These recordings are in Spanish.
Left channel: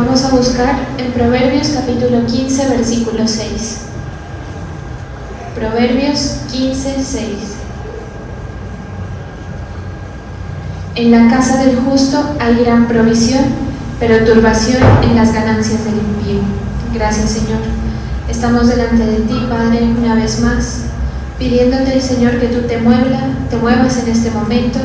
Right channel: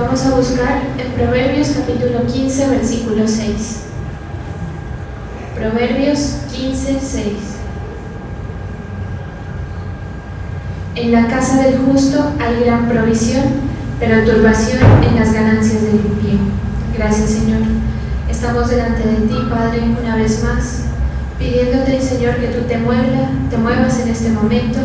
Vamos a buscar en Proverbios capítulo 15, versículo 6. Proverbios 15, 6. En la casa del justo hay gran provisión, pero turbación en las ganancias del impío. Gracias, Señor. Estamos delante de ti, Padre, una vez más, pidiéndote, Señor, que tú te muevas en este momento,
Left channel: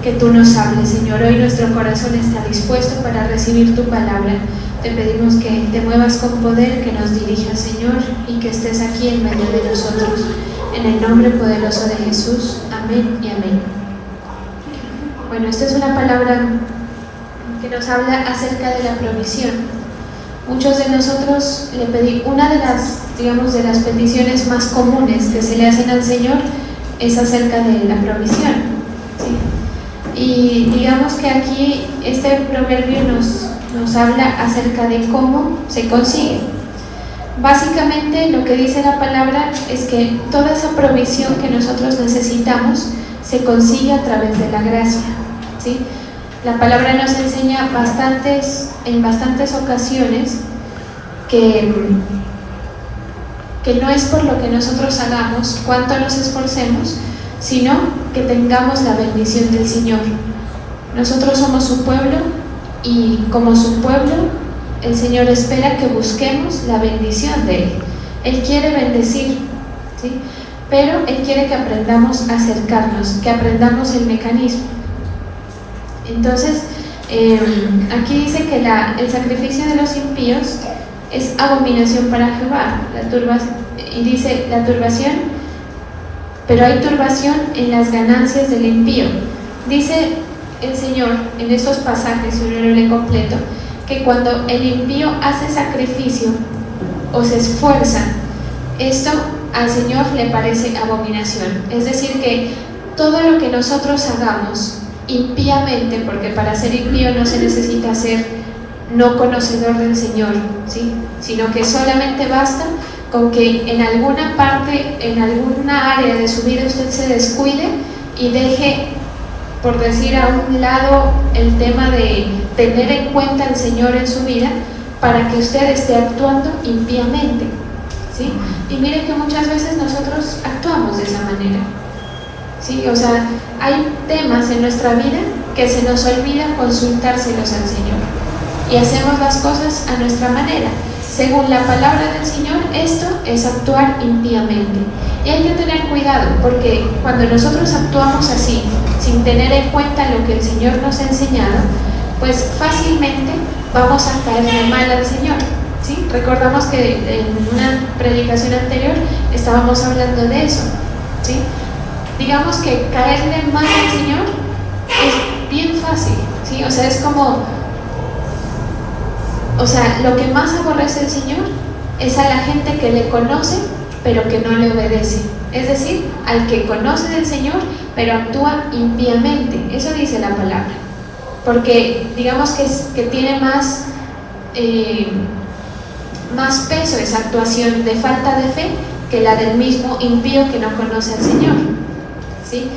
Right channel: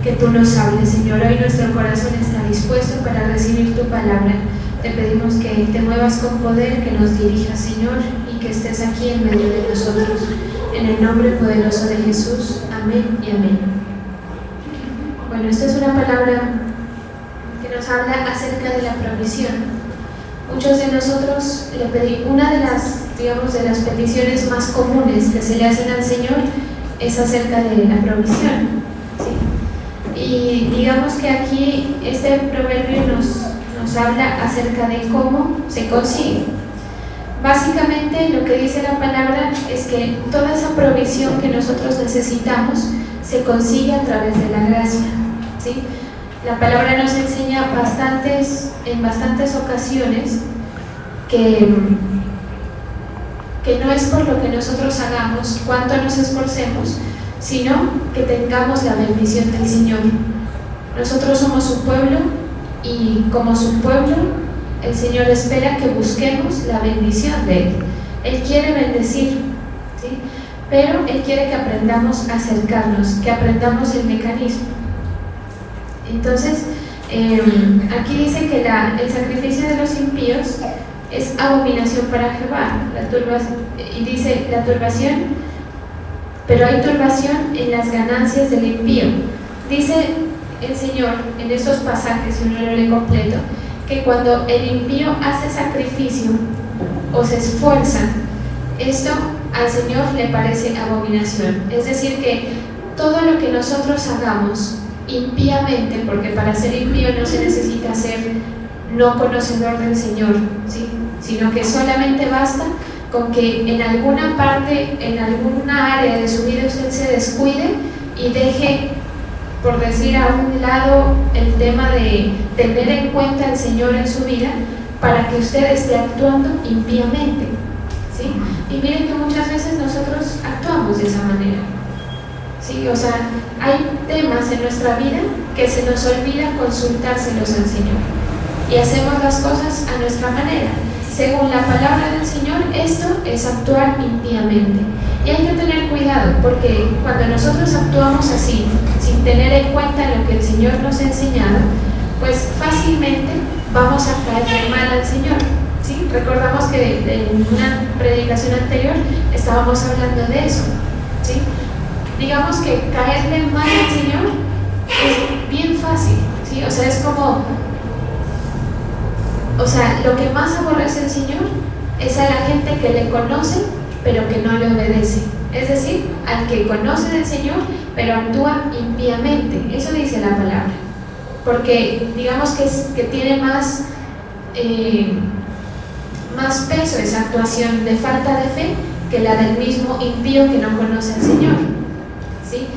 que tú nos hables, Señor. Hoy nuestro corazón está dispuesto para recibir tu palabra. Te pedimos que te muevas con poder, que nos dirijas, Señor, y que estés aquí en medio de nosotros. En el nombre poderoso de Jesús. Amén y amén. Bueno, esta es una palabra que nos habla acerca de la provisión. Muchos de nosotros le pedí, una de las peticiones más comunes que se le hacen al Señor es acerca de la provisión, ¿sí? Y digamos que aquí este proverbio nos habla acerca de cómo se consigue. Básicamente lo que dice la palabra es que toda esa provisión que nosotros necesitamos se consigue a través de la gracia, ¿sí? La palabra nos enseña en bastantes ocasiones que no es por lo que nosotros hagamos, cuánto nos esforcemos, sino que tengamos la bendición del Señor. Nosotros somos su pueblo y como su pueblo, el Señor espera que busquemos la bendición de Él. Él quiere bendecir, ¿sí? Pero Él quiere que aprendamos a acercarnos, que aprendamos el mecanismo. Entonces, aquí dice que el sacrificio de los impíos es abominación para Jehová, y dice la turbación, pero hay turbación en las ganancias del impío. Dice el Señor en estos pasajes, si uno lo lee completo, que cuando el impío hace sacrificio o se esfuerza, esto al Señor le parece abominación. Es decir, que todo lo que nosotros hagamos impíamente, porque para ser impío no se necesita ser no conocedor del Señor, ¿sí? Sino que solamente basta con que en alguna parte, en alguna área de su vida usted se descuide y deje, por decir, a un lado el tema de tener en cuenta al Señor en su vida, para que usted esté actuando impíamente, ¿sí? Y miren que muchas veces nosotros actuamos de esa manera, ¿sí? O sea, hay temas en nuestra vida que se nos olvida consultárselos al Señor y hacemos las cosas a nuestra manera. Según la palabra del Señor, esto es actuar impíamente. Y hay que tener cuidado, porque cuando nosotros actuamos así, sin tener en cuenta lo que el Señor nos ha enseñado, pues fácilmente vamos a caerle mal al Señor, ¿sí? Recordamos que en una predicación anterior estábamos hablando de eso, ¿sí? Digamos que caerle mal al Señor es bien fácil, ¿sí? O sea, es como... O sea, lo que más aborrece el Señor es a la gente que le conoce, pero que no le obedece. Es decir, al que conoce del Señor, pero actúa impíamente. Eso dice la palabra. Porque digamos que tiene más peso esa actuación de falta de fe que la del mismo impío que no conoce al Señor, ¿sí?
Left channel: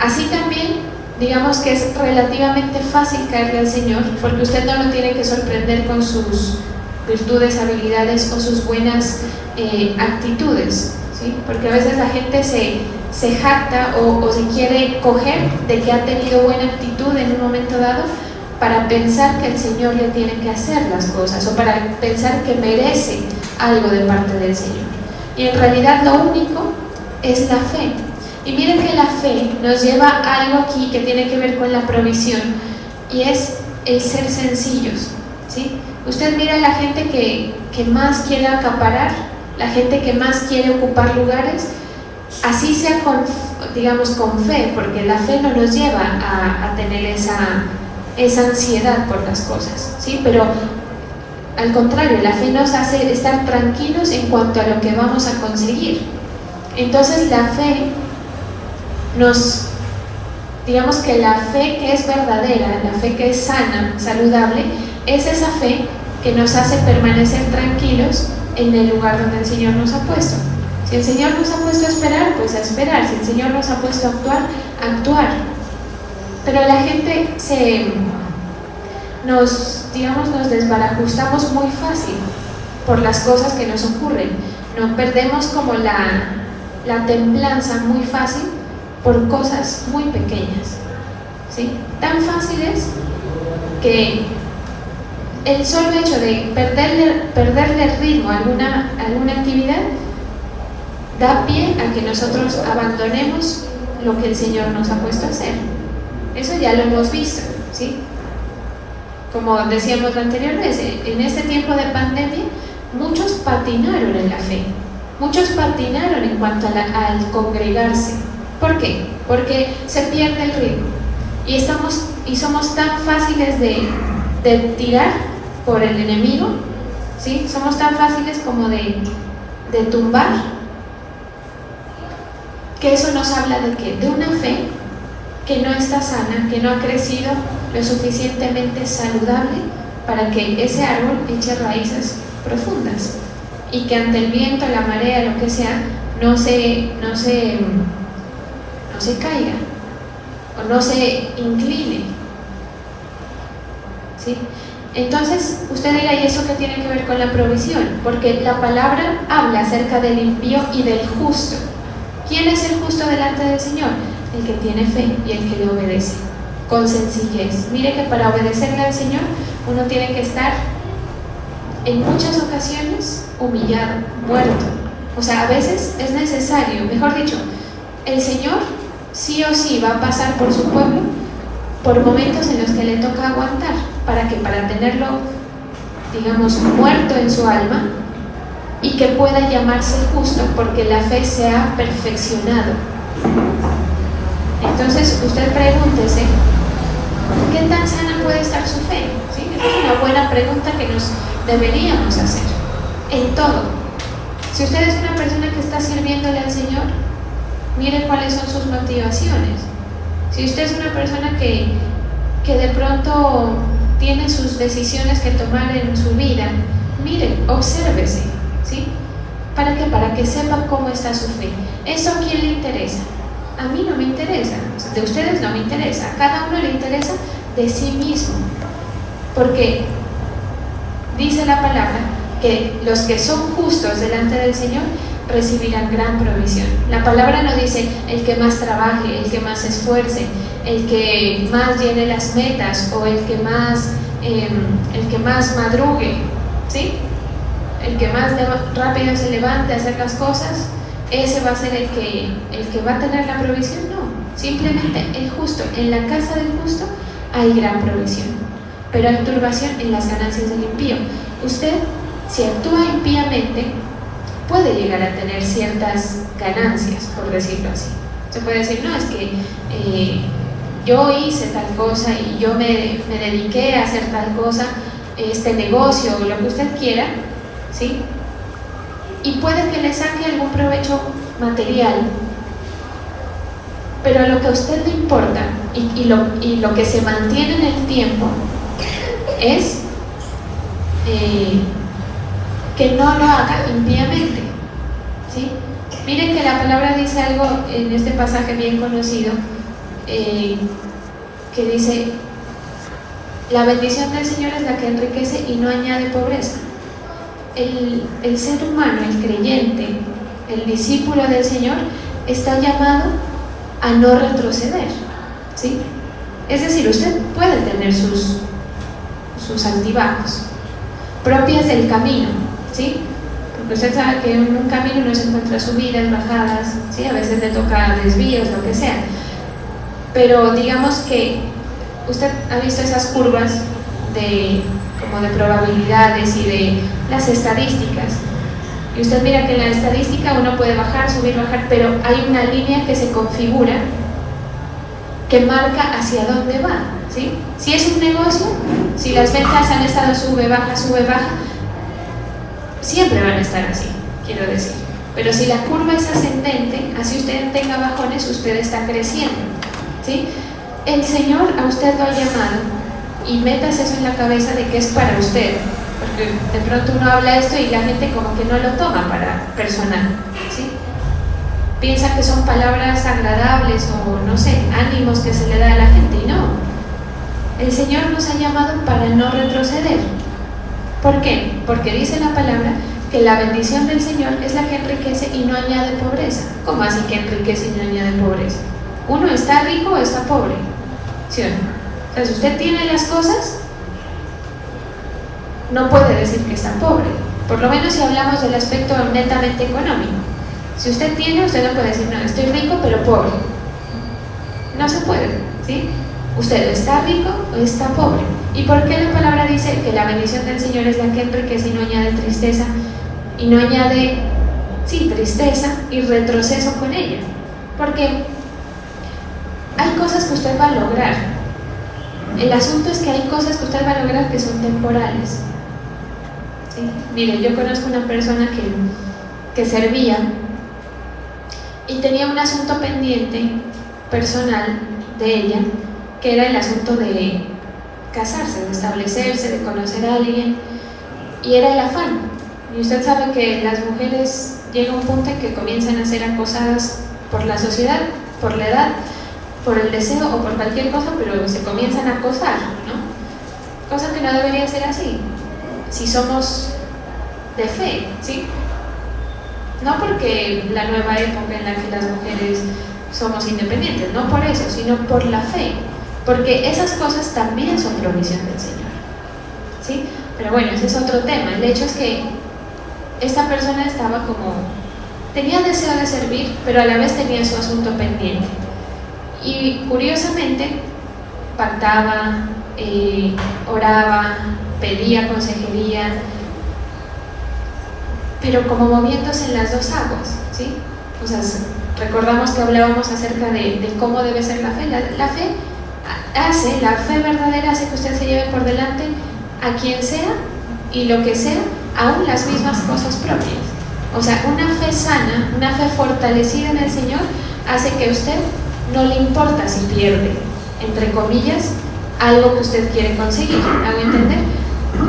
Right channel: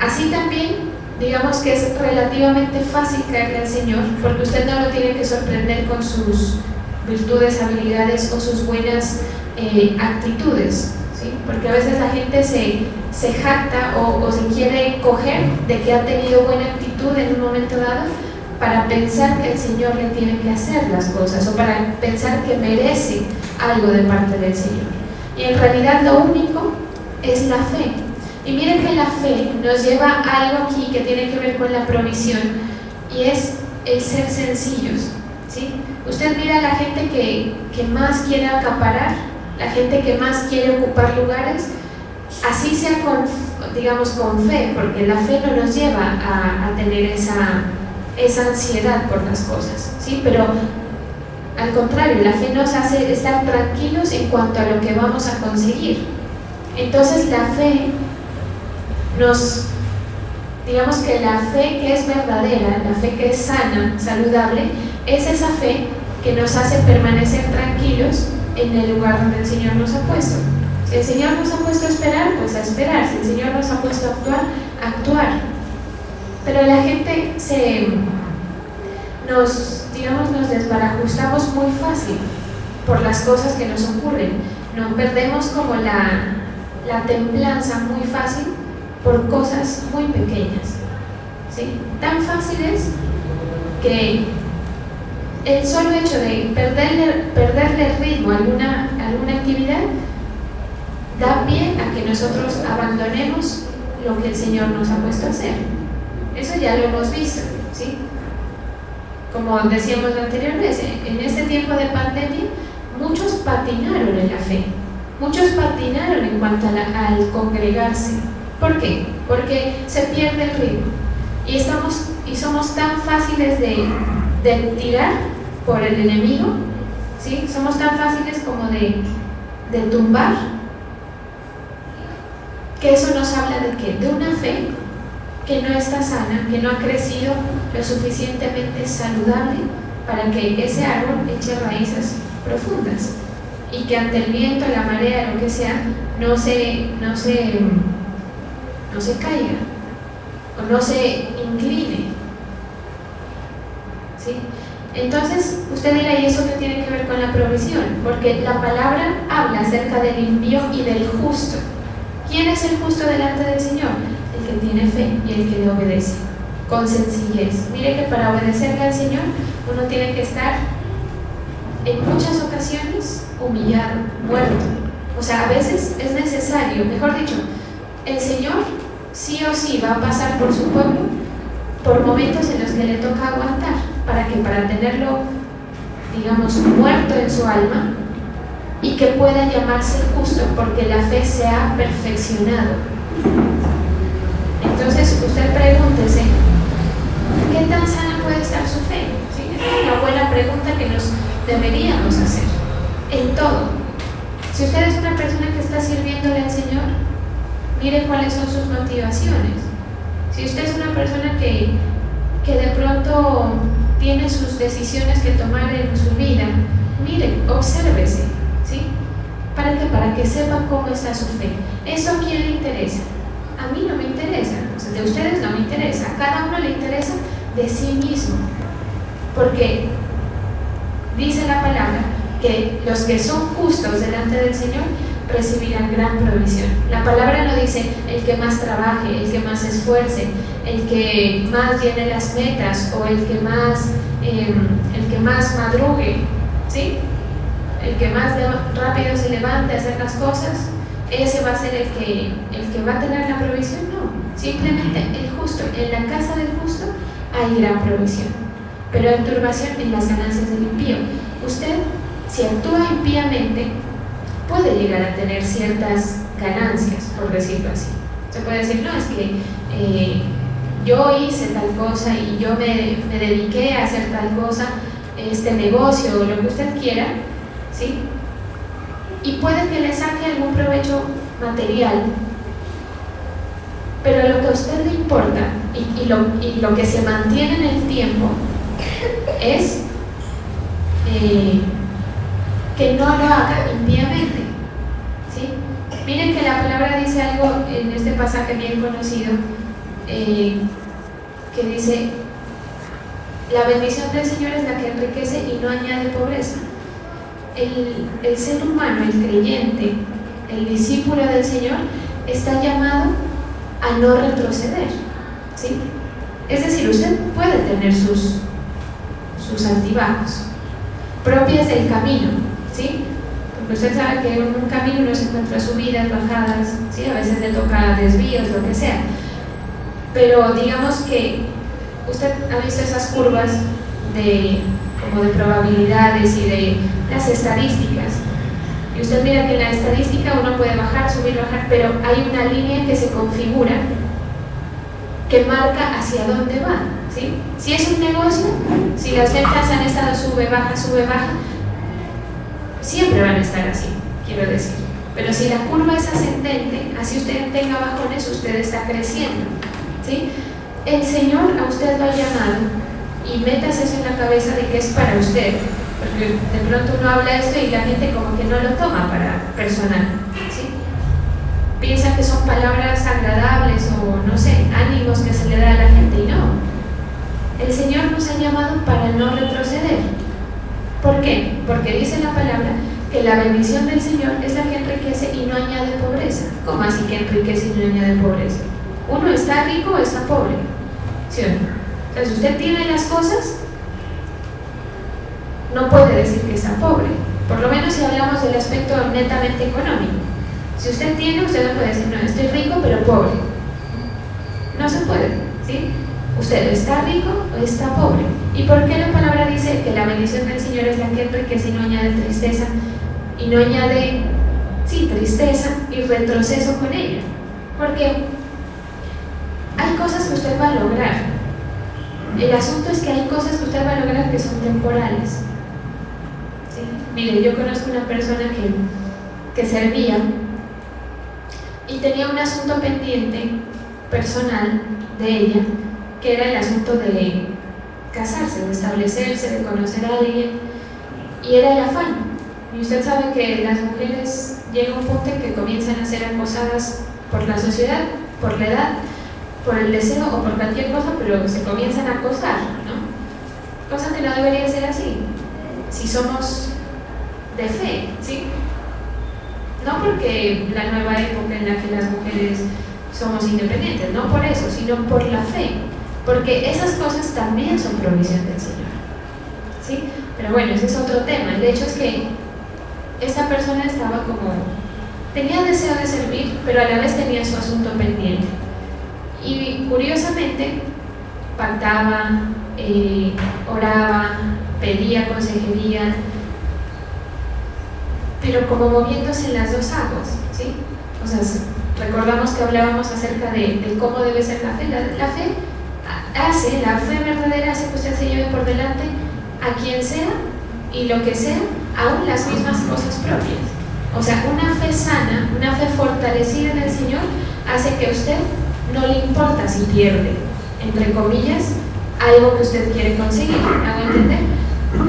Así también, digamos que es relativamente fácil caerle al Señor, porque usted no lo tiene que sorprender con sus virtudes, habilidades o sus buenas actitudes, ¿sí? Porque a veces la gente se jacta o se quiere coger de que ha tenido buena actitud en un momento dado para pensar que el Señor le tiene que hacer las cosas o para pensar que merece algo de parte del Señor. Y en realidad lo único es la fe. Y miren que la fe nos lleva a algo aquí que tiene que ver con la provisión, y es el ser sencillos, ¿sí? Usted mira a la gente que más quiere acaparar, la gente que más quiere ocupar lugares, así sea con fe, porque la fe no nos lleva a tener esa ansiedad por las cosas, ¿sí? Pero al contrario, la fe nos hace estar tranquilos en cuanto a lo que vamos a conseguir. Entonces la fe digamos que la fe que es verdadera, la fe que es sana, saludable, es esa fe que nos hace permanecer tranquilos en el lugar donde el Señor nos ha puesto. Si el Señor nos ha puesto a esperar, pues a esperar. Si el Señor nos ha puesto a actuar, a actuar. Pero la gente nos nos desbarajustamos muy fácil por las cosas que nos ocurren. No perdemos como la templanza muy fácil por cosas muy pequeñas, ¿sí? Tan fáciles que el solo hecho de perderle el ritmo a alguna actividad da pie a que nosotros abandonemos lo que el Señor nos ha puesto a hacer. Eso ya lo hemos visto, ¿sí? Como decíamos la anterior vez, en este tiempo de pandemia muchos patinaron en la fe, muchos patinaron en cuanto al congregarse. ¿Por qué? Porque se pierde el ritmo y somos tan fáciles de tirar por el enemigo, ¿sí? Somos tan fáciles como de tumbar, que eso nos habla de una fe que no está sana, que no ha crecido lo suficientemente saludable para que ese árbol eche raíces profundas y que ante el viento, la marea, lo que sea, no se caiga o no se incline, ¿sí? Entonces usted dirá, ¿y eso qué tiene que ver con la provisión? Porque la palabra habla acerca del impío y del justo. ¿Quién es el justo delante del Señor? El que tiene fe y el que le obedece con sencillez. Mire que para obedecerle al Señor uno tiene que estar en muchas ocasiones humillado, muerto. O sea, a veces es necesario, mejor dicho, el Señor sí o sí va a pasar por su pueblo por momentos en los que le toca aguantar, para tenerlo, digamos, muerto en su alma y que pueda llamarse justo porque la fe se ha perfeccionado. Entonces usted pregúntese, ¿qué tan sana puede estar su fe? ¿Sí? Es una buena pregunta que nos deberíamos hacer en todo. Si usted es una persona que está sirviéndole al Señor, mire cuáles son sus motivaciones. Si usted es una persona que de pronto tiene sus decisiones que tomar en su vida, mire, obsérvese, ¿sí? ¿Para qué? Para que sepan cómo está su fe. ¿Eso a quién le interesa? A mí no me interesa, o sea, de ustedes no me interesa, a cada uno le interesa de sí mismo, porque dice la palabra que los que son justos delante del Señor recibirán gran provisión. La palabra no dice el que más trabaje, el que más se esfuerce, el que más llene las metas o el que más madrugue, ¿sí? El que más rápido se levante a hacer las cosas, ese va a ser el que va a tener la provisión. No, simplemente el justo. En la casa del justo hay gran provisión, pero hay turbación en las ganancias del impío. Usted, si actúa impíamente, puede llegar a tener ciertas ganancias, por decirlo así. Se puede decir, no, es que yo hice tal cosa y yo me dediqué a hacer tal cosa, este negocio o lo que usted quiera, ¿sí? Y puede que le saque algún provecho material, pero lo que a usted le importa y lo que se mantiene en el tiempo es que no lo haga impíamente, ¿sí? Miren que la palabra dice algo en este pasaje bien conocido, que dice: la bendición del Señor es la que enriquece y no añade pobreza. El ser humano, el creyente, el discípulo del Señor, está llamado a no retroceder, ¿sí? Es decir, usted puede tener sus altibajos propias del camino, ¿sí? Porque usted sabe que en un camino uno se encuentra subidas, bajadas, ¿sí? A veces le toca desvíos, lo que sea. Pero digamos que usted ha visto esas curvas como de probabilidades y de las estadísticas. Y usted mira que en la estadística uno puede bajar, subir, bajar, pero hay una línea que se configura que marca hacia dónde va, ¿sí? Si es un negocio, si las ventas han estado sube, baja, siempre van a estar así, quiero decir. Pero si la curva es ascendente, así usted tenga bajones, usted está creciendo, ¿sí? El Señor a usted lo ha llamado, y metas eso en la cabeza de que es para usted, porque de pronto uno habla esto y la gente como que no lo toma para personal, ¿sí? Piensa que son palabras agradables o no sé, ánimos que se le da a la gente, y no. El Señor nos ha llamado para no retroceder. ¿Por qué? Porque dice la palabra que la bendición del Señor es la que enriquece y no añade pobreza. ¿Cómo así que enriquece y no añade pobreza? ¿Uno está rico o está pobre? ¿Sí o no? Entonces, usted tiene las cosas, no puede decir que está pobre. Por lo menos si hablamos del aspecto netamente económico. Si usted tiene, usted no puede decir, no, estoy rico pero pobre. No se puede, ¿sí? Usted o está rico o está pobre. ¿Y por qué la palabra dice que la bendición del Señor es la que enriquece y no añade tristeza? Y no añade, sí, tristeza y retroceso con ella. Porque hay cosas que usted va a lograr. El asunto es que hay cosas que usted va a lograr que son temporales. ¿Sí? Mire, yo conozco una persona que servía y tenía un asunto pendiente personal de ella, que era el asunto de casarse, de establecerse, de conocer a alguien, y era el afán. Y usted sabe que las mujeres llega un punto en que comienzan a ser acosadas por la sociedad, por la edad, por el deseo o por cualquier cosa, pero se comienzan a acosar, ¿no? Cosa que no debería ser así, si somos de fe, ¿sí? No porque la nueva época en la que las mujeres somos independientes, no por eso, sino por la fe, porque esas cosas también son provisión del Señor, ¿sí? Pero bueno, ese es otro tema. El hecho es que esta persona estaba tenía deseo de servir, pero a la vez tenía su asunto pendiente. Y curiosamente, pactaba, oraba, pedía consejería, pero como moviéndose en las dos aguas, ¿sí? O sea, recordamos que hablábamos acerca de cómo debe ser la fe. La fe verdadera hace que usted se lleve por delante a quien sea y lo que sea, aún las mismas cosas propias. O sea, una fe sana, una fe fortalecida en el Señor, hace que a usted no le importa si pierde, entre comillas, algo que usted quiere conseguir, ¿hago entender?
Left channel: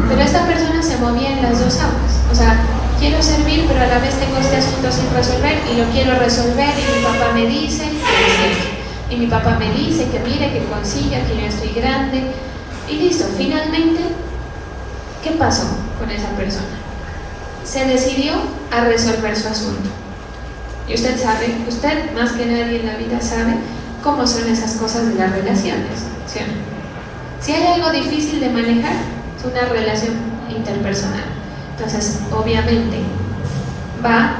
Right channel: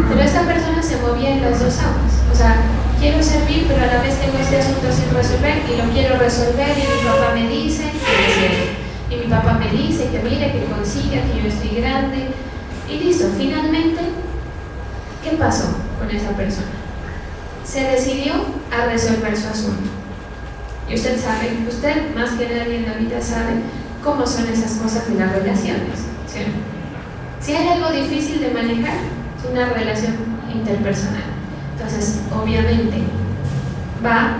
Pero esta persona se movía en las dos aguas. O sea, quiero servir, pero a la vez tengo este asunto sin resolver y lo quiero resolver, y mi papá me dice que es cierto. Y mi papá me dice que mire, que consiga, que yo estoy grande. Y listo, finalmente, ¿qué pasó con esa persona? Se decidió a resolver su asunto. Y usted sabe, usted más que nadie en la vida sabe cómo son esas cosas de las relaciones, ¿sí? Si hay algo difícil de manejar, es una relación interpersonal. Entonces, obviamente, va,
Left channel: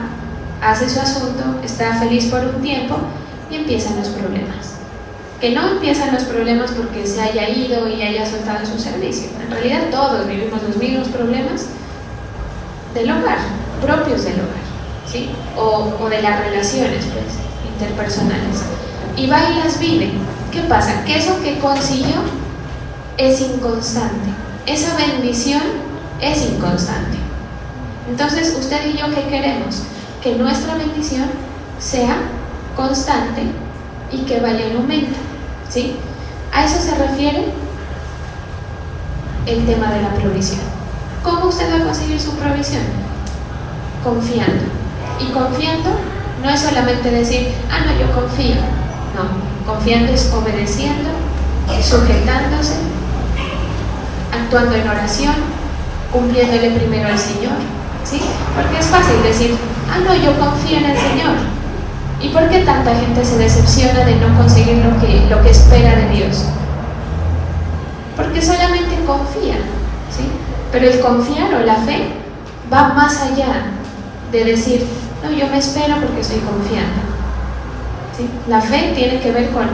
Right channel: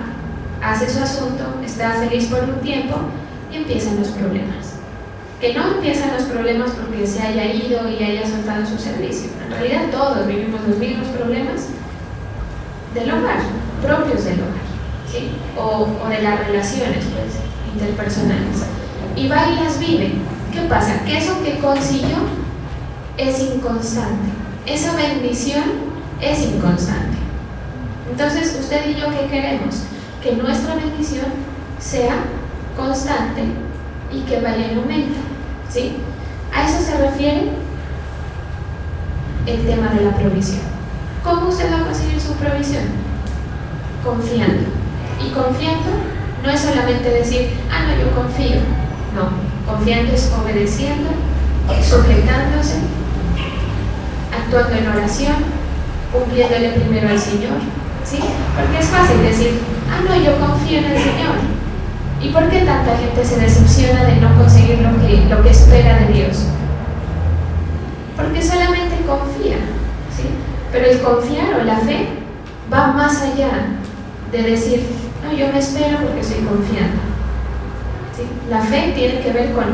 hace su asunto, está feliz por un tiempo y empiezan los problemas. Que no empiezan los problemas porque se haya ido y haya soltado su servicio. En realidad todos vivimos los mismos problemas del hogar, propios del hogar, ¿sí? O de las relaciones, pues, interpersonales. Y va y las vive. ¿Qué pasa? Que eso que consiguió es inconstante. Esa bendición es inconstante. Entonces, usted y yo, ¿qué queremos? Que nuestra bendición sea constante y que vaya en aumento, ¿sí? A eso se refiere el tema de la provisión. ¿Cómo usted va a conseguir su provisión? Confiando. Y confiando no es solamente decir, no, yo confío. No, confiando es obedeciendo, sujetándose, actuando en oración, cumpliéndole primero al Señor, ¿sí? Porque es fácil decir, no, yo confío en el Señor. ¿Y por qué tanta gente se decepciona de no conseguir lo que espera de Dios? Porque solamente confía, ¿sí? Pero el confiar o la fe va más allá de decir, no, yo me espero porque estoy confiando, ¿sí? La fe tiene que ver con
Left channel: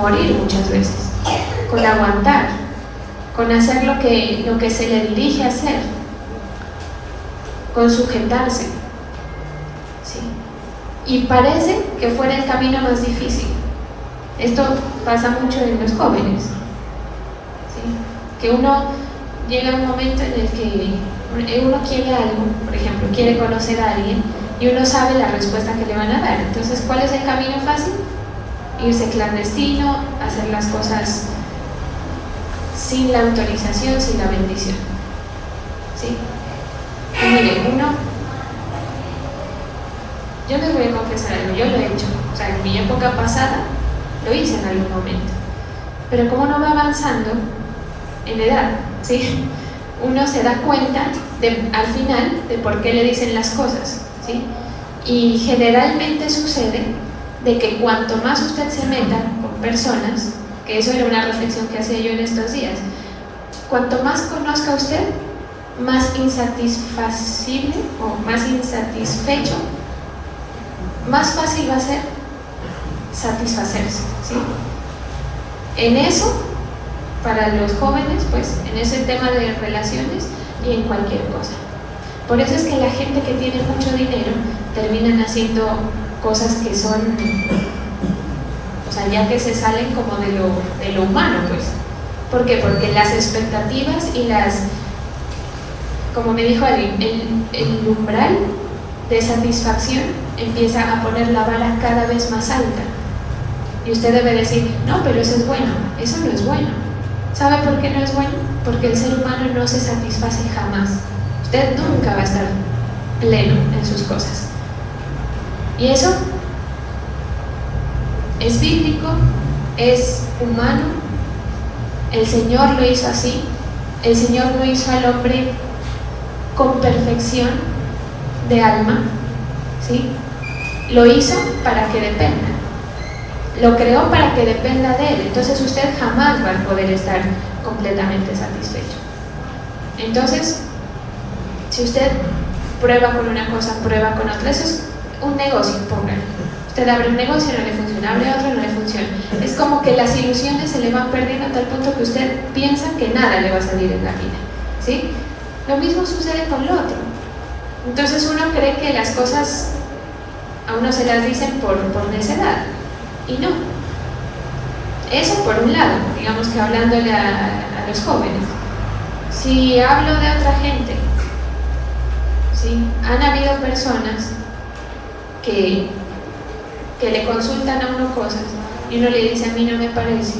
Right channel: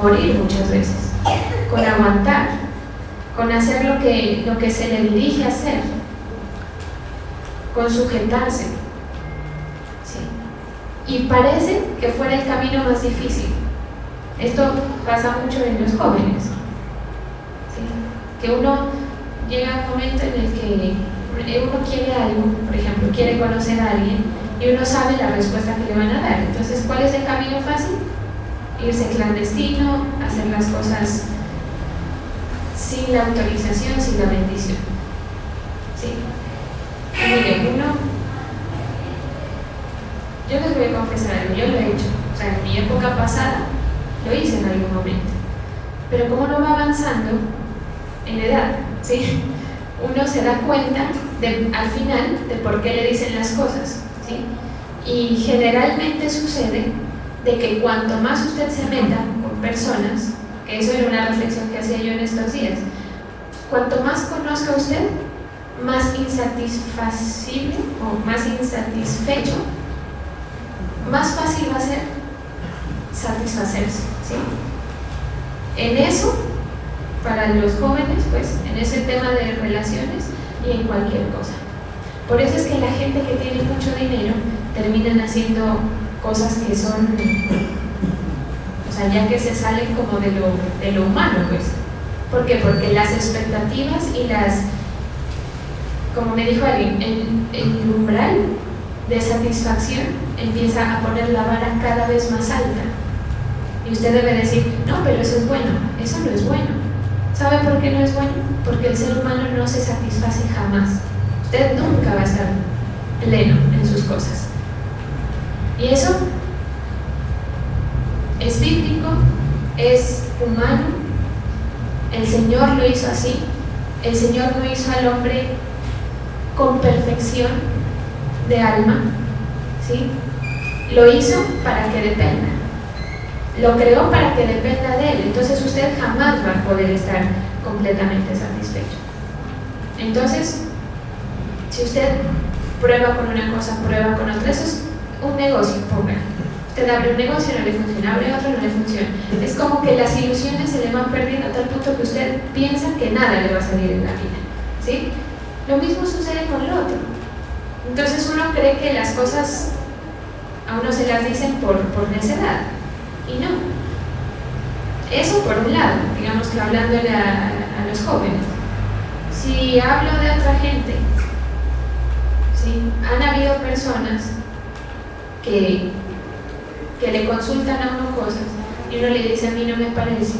morir muchas veces, con aguantar, con hacer lo que se le dirige a hacer, con sujetarse, ¿sí? Y parece que fuera el camino más difícil. Esto pasa mucho en los jóvenes, ¿sí? Que uno llega a un momento en el que uno quiere algo, por ejemplo, quiere conocer a alguien y uno sabe la respuesta que le van a dar. Entonces, ¿cuál es el camino fácil? Irse clandestino, hacer las cosas sin la autorización, sin la bendición, ¿sí? Y mire, yo les voy a confesar algo, yo lo he hecho, o sea, en mi época pasada lo hice en algún momento, pero como uno va avanzando, en edad, ¿sí? Uno se da cuenta al final de por qué le dicen las cosas, ¿sí? Y generalmente sucede de que cuanto más usted se meta con personas, que eso era una reflexión que hacía yo en estos días, cuanto más conozca usted, más insatisfacible o más insatisfecho, más fácil va a ser satisfacerse, ¿sí? En eso, para los jóvenes, pues, en ese tema de relaciones y en cualquier cosa. Por eso es que la gente que tiene mucho dinero terminan haciendo cosas que son, o sea, ya que se salen como de lo humano, pues. ¿Por qué? Porque las expectativas y como me dijo el umbral de satisfacción empieza a poner la vara cada vez más alta. Y usted debe decir, no, pero eso es bueno. Eso no es bueno. ¿Sabe por qué no es bueno? Porque el ser humano no se satisface jamás. Usted nunca va a estar pleno en sus cosas. Y eso es bíblico, es humano. El Señor lo hizo así. El Señor no hizo al hombre con perfección de alma, ¿sí? Lo hizo para que dependa. Lo creó para que dependa de Él. Entonces usted jamás va a poder estar completamente satisfecho. Entonces, si usted prueba con una cosa, prueba con otra, eso es un negocio, póngale. Usted abre un negocio, no le funciona, abre otro, no le funciona. Es como que las ilusiones se le van perdiendo a tal punto que usted piensa que nada le va a salir en la vida, ¿sí? Lo mismo sucede con lo otro. Entonces uno cree que las cosas a uno se las dicen por necedad, y no. Eso por un lado, digamos que hablándole a los jóvenes. Si hablo de otra gente, ¿sí? Han habido personas que le consultan a uno cosas y uno le dice, a mí no me parece.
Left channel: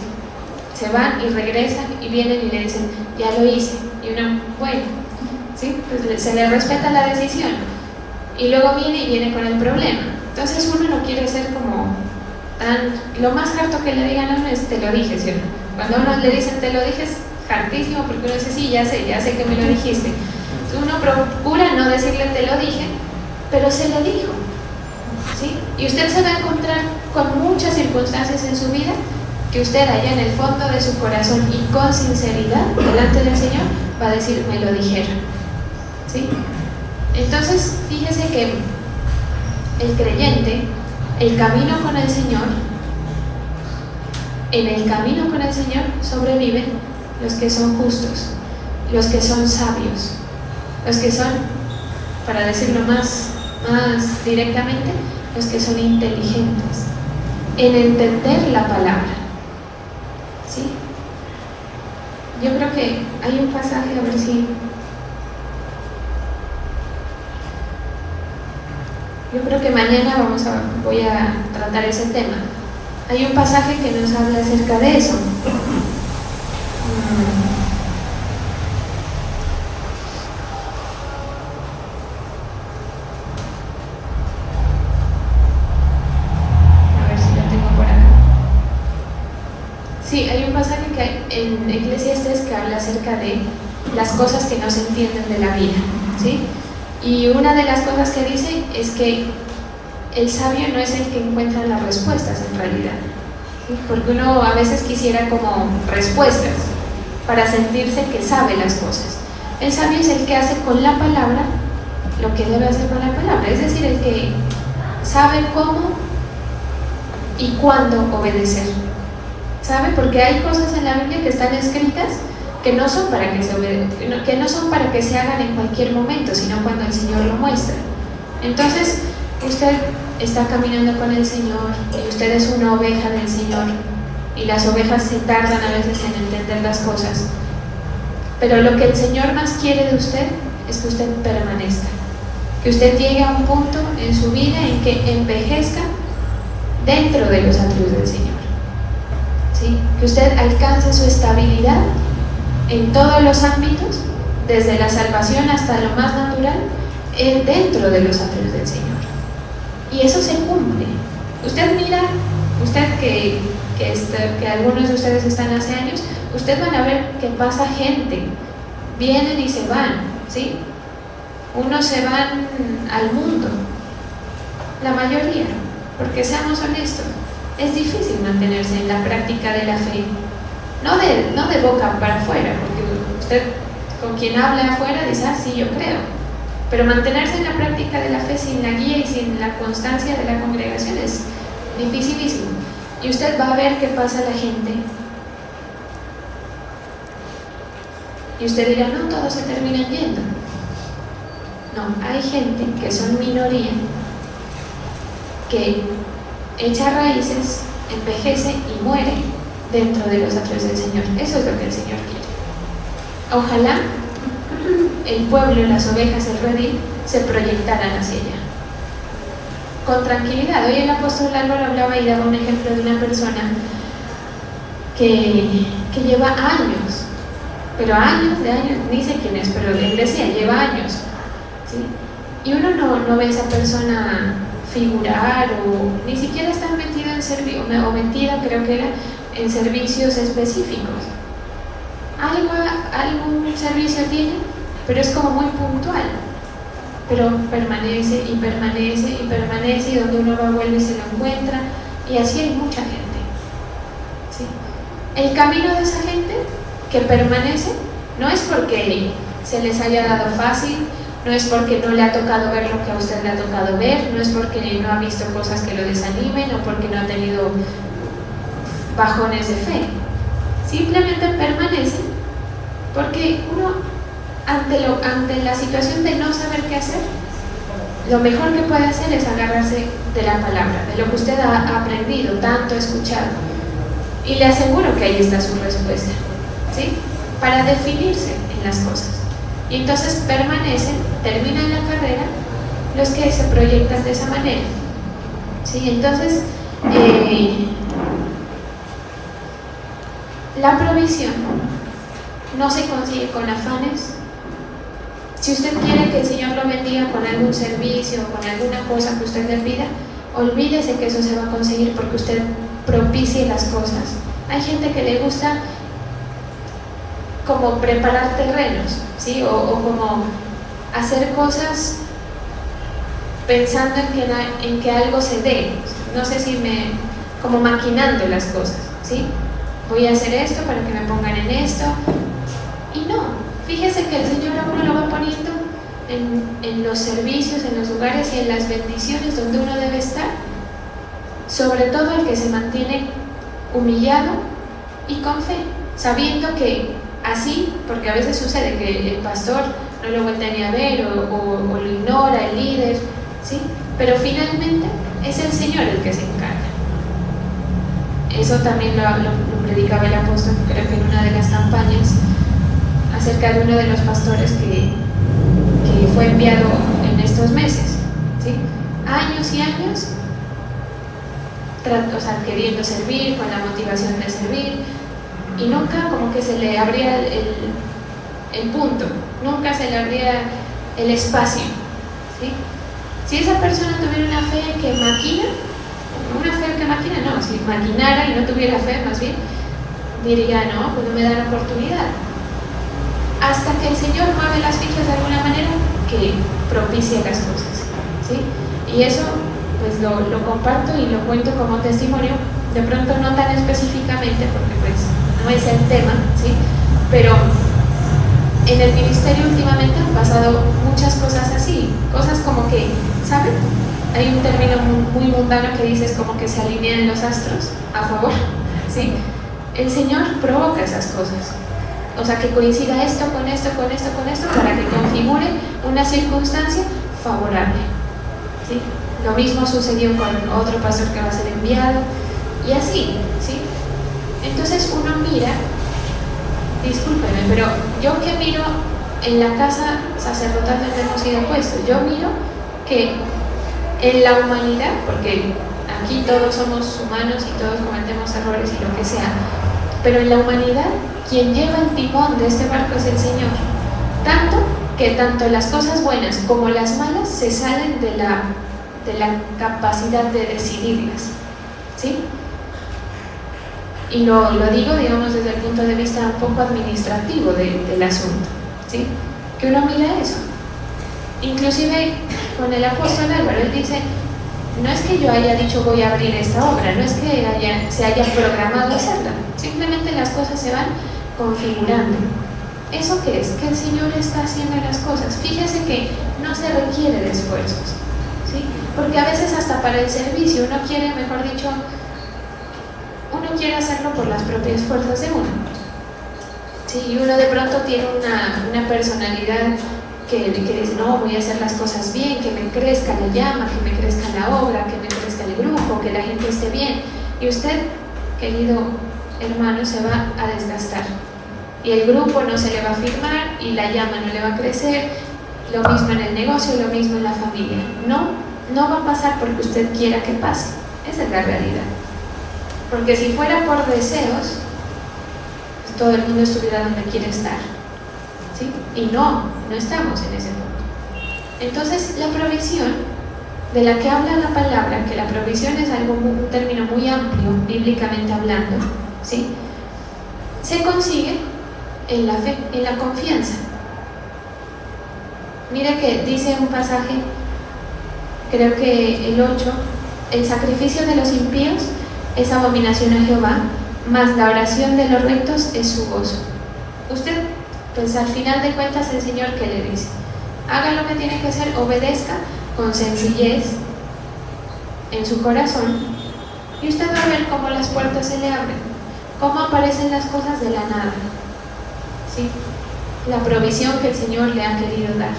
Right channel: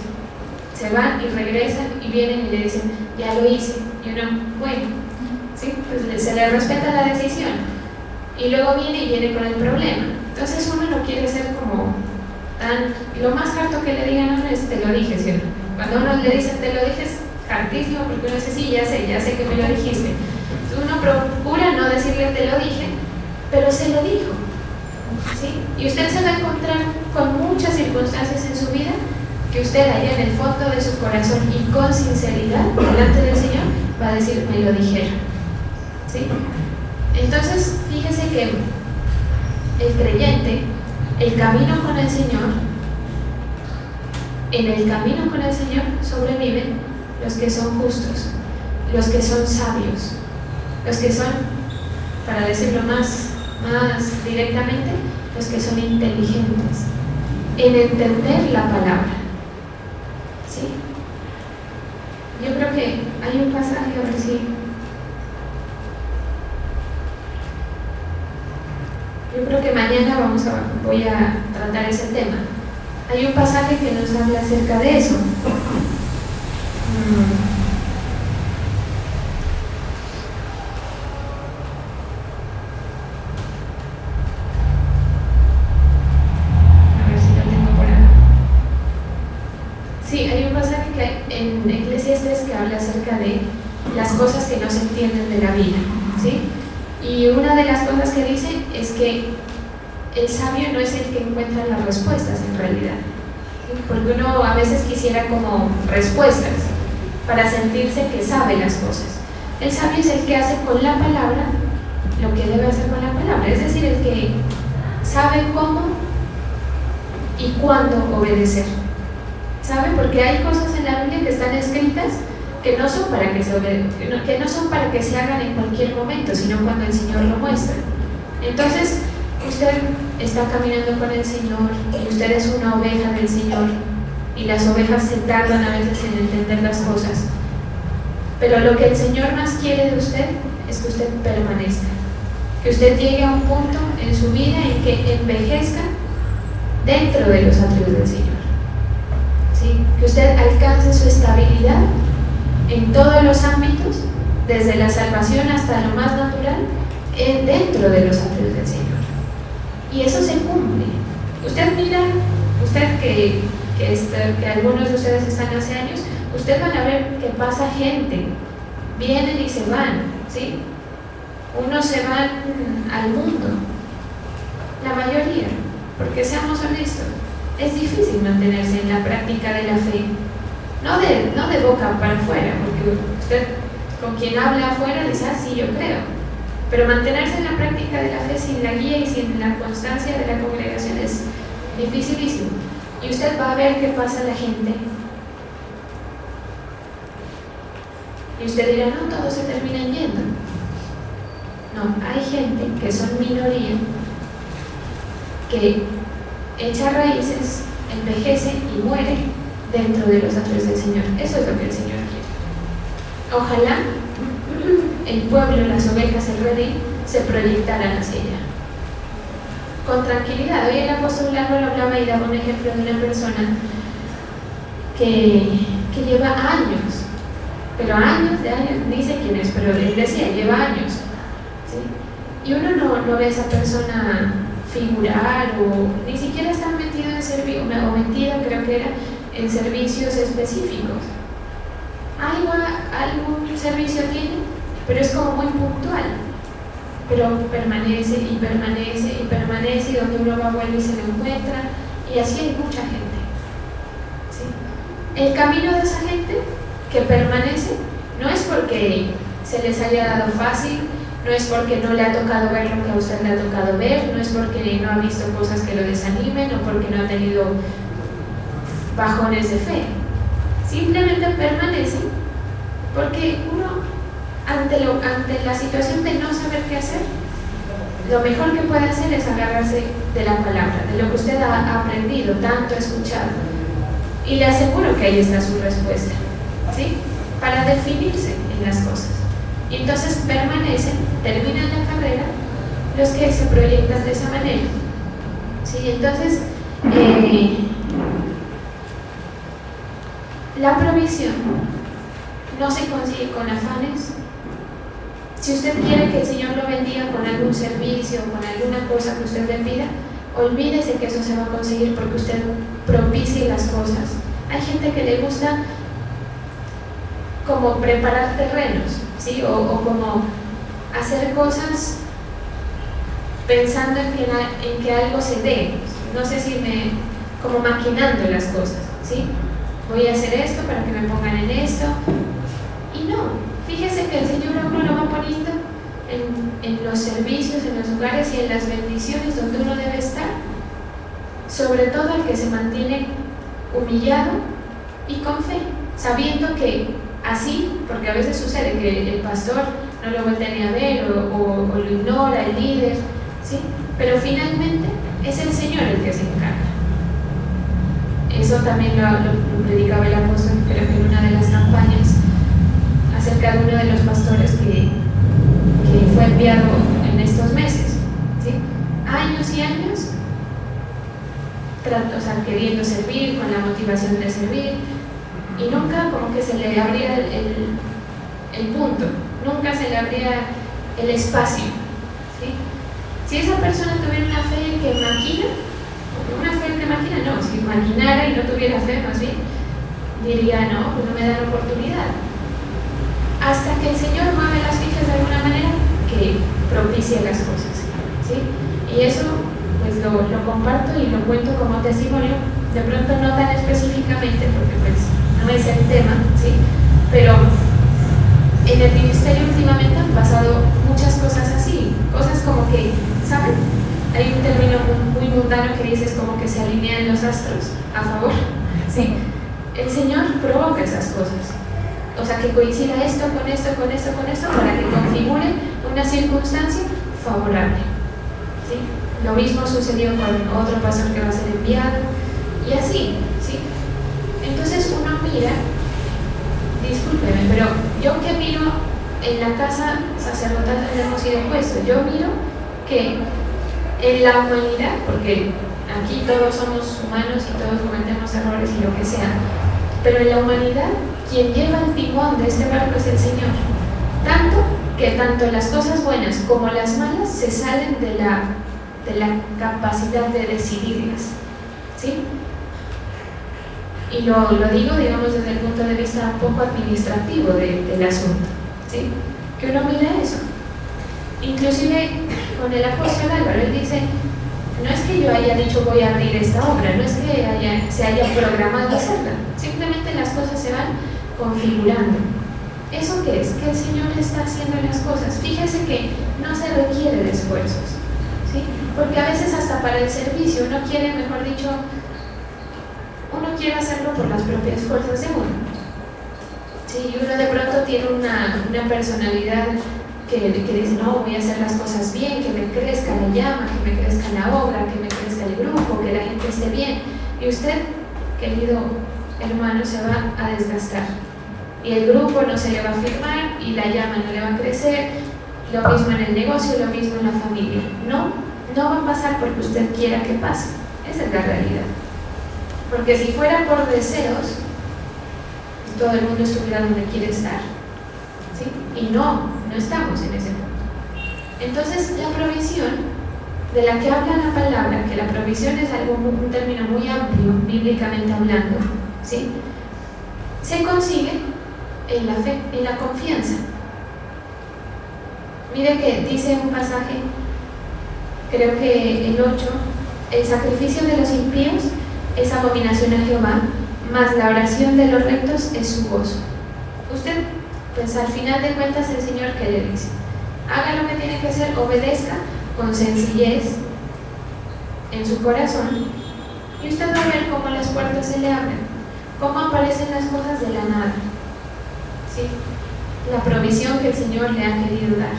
Se van y regresan y vienen y le dicen, ya lo hice. Y uno, bueno, ¿sí? Pues se le respeta la decisión. Y luego viene con el problema. Entonces uno no quiere ser como lo más harto que le digan a uno es te lo dije, ¿cierto? Cuando a uno le dicen te lo dije es hartísimo porque uno dice, sí, ya sé que me lo dijiste. Entonces uno procura no decirle te lo dije, pero se lo dijo, ¿sí? Y usted se va a encontrar con muchas circunstancias en su vida que usted allá en el fondo de su corazón y con sinceridad delante del Señor va a decir, me lo dijeron, ¿sí? Entonces, fíjese que el creyente, el camino con el Señor, en el camino con el Señor sobreviven los que son justos, los que son sabios, los que son, para decirlo más directamente, los que son inteligentes en entender la palabra, ¿sí? Yo creo que hay un pasaje, a ver si... Yo creo que mañana voy a tratar ese tema. Hay un pasaje que nos habla acerca de eso. A ver si lo tengo por acá. Sí, hay un pasaje que en Eclesiastes que habla acerca de las cosas que no se entienden de la vida, ¿sí? Y una de las cosas que dice es que el sabio no es el que encuentra las respuestas en realidad, ¿sí? Porque uno a veces quisiera como respuestas para sentirse que sabe las cosas. El sabio es el que hace con la palabra lo que debe hacer con la palabra, es decir, el que sabe cómo y cuándo obedecer, ¿sabe? Porque hay cosas en la Biblia que están escritas que no son para que se hagan en cualquier momento, sino cuando el Señor lo muestra. Entonces, usted está caminando con el Señor y usted es una oveja del Señor y las ovejas se tardan a veces en entender las cosas, pero lo que el Señor más quiere de usted es que usted permanezca, que usted llegue a un punto en su vida en que envejezca dentro de los atributos del Señor, ¿sí? Que usted alcance su estabilidad en todos los ámbitos, desde la salvación hasta lo más natural, dentro de los atributos del Señor. Y eso se cumple. Usted mira, usted que que algunos de ustedes están hace años, ustedes van a ver que pasa gente, vienen y se van, ¿sí? Unos se van al mundo, la mayoría, porque seamos honestos, es difícil mantenerse en la práctica de la fe, no de boca para afuera, porque usted con quien habla afuera dice, ah, sí, yo creo, pero mantenerse en la práctica de la fe sin la guía y sin la constancia de la congregación es dificilísimo. Y usted va a ver qué pasa a la gente. Y usted dirá, no, todos se terminan yendo. No, hay gente que son minoría, que echa raíces, envejece y muere dentro de los atrios del Señor. Eso es lo que el Señor quiere. Ojalá el pueblo, las ovejas, el redil, se proyectaran hacia allá con tranquilidad. Hoy el apóstol Álvaro hablaba y daba un ejemplo de una persona que lleva años, pero años de años, ni sé quién es, pero él decía, lleva años, ¿sí? Y uno no ve a esa persona figurar o ni siquiera está metido en servicio, o metido, creo que era, en servicios específicos. Algún servicio tiene, pero es como muy puntual, pero permanece y permanece y permanece, y donde uno va, vuelve y se lo encuentra, y así hay mucha gente, ¿sí? El camino de esa gente que permanece no es porque se les haya dado fácil, no es porque no le ha tocado ver lo que a usted le ha tocado ver, no es porque no ha visto cosas que lo desanimen o porque no ha tenido bajones de fe. Simplemente permanece porque uno, ante la situación de no saber qué hacer, lo mejor que puede hacer es agarrarse de la palabra, de lo que usted ha aprendido, tanto escuchado, y le aseguro que ahí está su respuesta, ¿sí? Para definirse en las cosas. Y entonces permanecen, terminan la carrera los que se proyectan de esa manera, ¿sí? Entonces la provisión no se consigue con afanes. Si usted quiere que el Señor lo bendiga con algún servicio o con alguna cosa que usted le pida, olvídese que eso se va a conseguir porque usted propicie las cosas. Hay gente que le gusta como preparar terrenos, ¿sí? o como hacer cosas pensando en que algo se dé, no sé si como maquinando las cosas, ¿sí? Voy a hacer esto para que me pongan en esto, y no, fíjese que el Señor a uno lo va poniendo en los servicios, en los lugares y en las bendiciones donde uno debe estar, sobre todo el que se mantiene humillado y con fe, sabiendo que así, porque a veces sucede que el pastor no lo voltea ni a ver o lo ignora, el líder, ¿sí? Pero finalmente es el Señor el que se encarga. Eso también lo predicaba el apóstol, creo que en una de las campañas, acerca de uno de los pastores que fue enviado en estos meses, ¿sí? Años y años, queriendo servir, con la motivación de servir, y nunca como que se le abría el punto, nunca se le abría el espacio, ¿sí? Si esa persona tuviera una fe que maquina, no, si maquinara y no tuviera fe, más bien, diría, no, pues no me dan oportunidad. Hasta que el Señor mueve las fichas de alguna manera que propicia las cosas, ¿sí? Y eso, pues lo comparto y lo cuento como testimonio, de pronto no tan específicamente, porque pues no es el tema, ¿sí? Pero en el ministerio últimamente han pasado muchas cosas así, cosas como que, ¿saben? Hay un término muy mundano que dice es como que se alinean los astros a favor, ¿sí? El Señor provoca esas cosas, o sea, que coincida esto con esto, con esto, con esto, para que configure una circunstancia favorable, ¿sí? Lo mismo sucedió con otro pastor que va a ser enviado, y así, ¿sí? Entonces uno mira, discúlpeme, pero yo que miro en la casa sacerdotal donde hemos sido puestos, yo miro que en la humanidad, porque aquí todos somos humanos y todos cometemos errores y lo que sea, pero en la humanidad quien lleva el timón de este barco es el Señor, tanto que tanto las cosas buenas como las malas se salen de la capacidad de decidirlas, ¿sí? Y lo digo, digamos, desde el punto de vista un poco administrativo del asunto, ¿sí? Que uno mira eso. Inclusive con el apóstol Álvaro, él dice, no es que yo haya dicho voy a abrir esta obra, no es que se haya programado hacerla, simplemente las cosas se van configurando. ¿Eso qué es? Que el Señor está haciendo las cosas. Fíjese que no se requiere de esfuerzos, ¿sí? Porque a veces hasta para el servicio uno quiere, mejor dicho, uno quiere hacerlo por las propias fuerzas de uno. Sí, uno de pronto tiene una personalidad que dice, no, voy a hacer las cosas bien, que me crezca la llama, que me crezca la obra, que me crezca el grupo, que la gente esté bien. Y usted, querido hermano, se va a desgastar. Y el grupo no se le va a firmar y la llama no le va a crecer. Lo mismo en el negocio, lo mismo en la familia. No va a pasar porque usted quiera que pase. Esa es la realidad. Porque si fuera por deseos, todo el mundo estuviera donde quiere estar, ¿sí? Y no estamos en ese punto. Entonces, la provisión de la que habla la palabra, que la provisión es un término muy amplio, bíblicamente hablando, ¿sí? Se consigue en la fe, en la confianza. Mire que dice un pasaje, creo que el 8, el sacrificio de los impíos es abominación a Jehová, mas la oración de los rectos es su gozo. Usted, pues al final de cuentas, el Señor, ¿qué le dice? Haga lo que tiene que hacer, obedezca con sencillez en su corazón, y usted va a ver cómo las puertas se le abren, cómo aparecen las cosas de la nada, ¿sí? La provisión que el Señor le ha querido dar,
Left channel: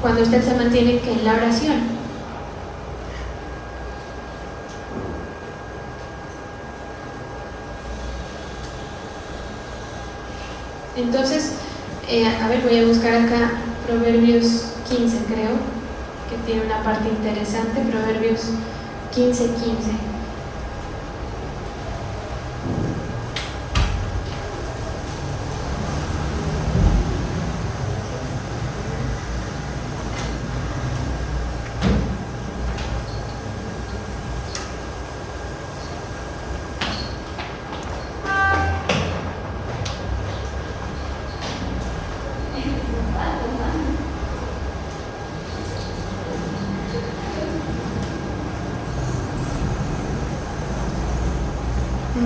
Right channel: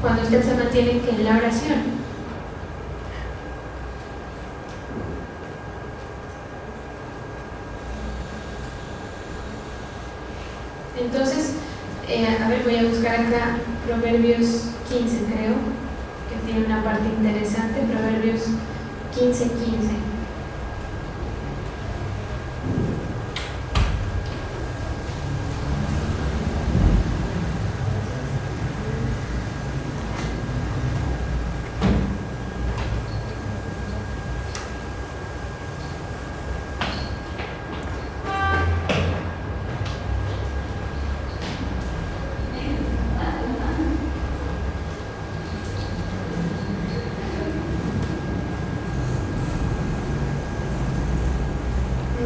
cuando usted se mantiene en la oración. Entonces, a ver, voy a buscar acá Proverbios 15, creo, que tiene una parte interesante, Proverbios 15:15.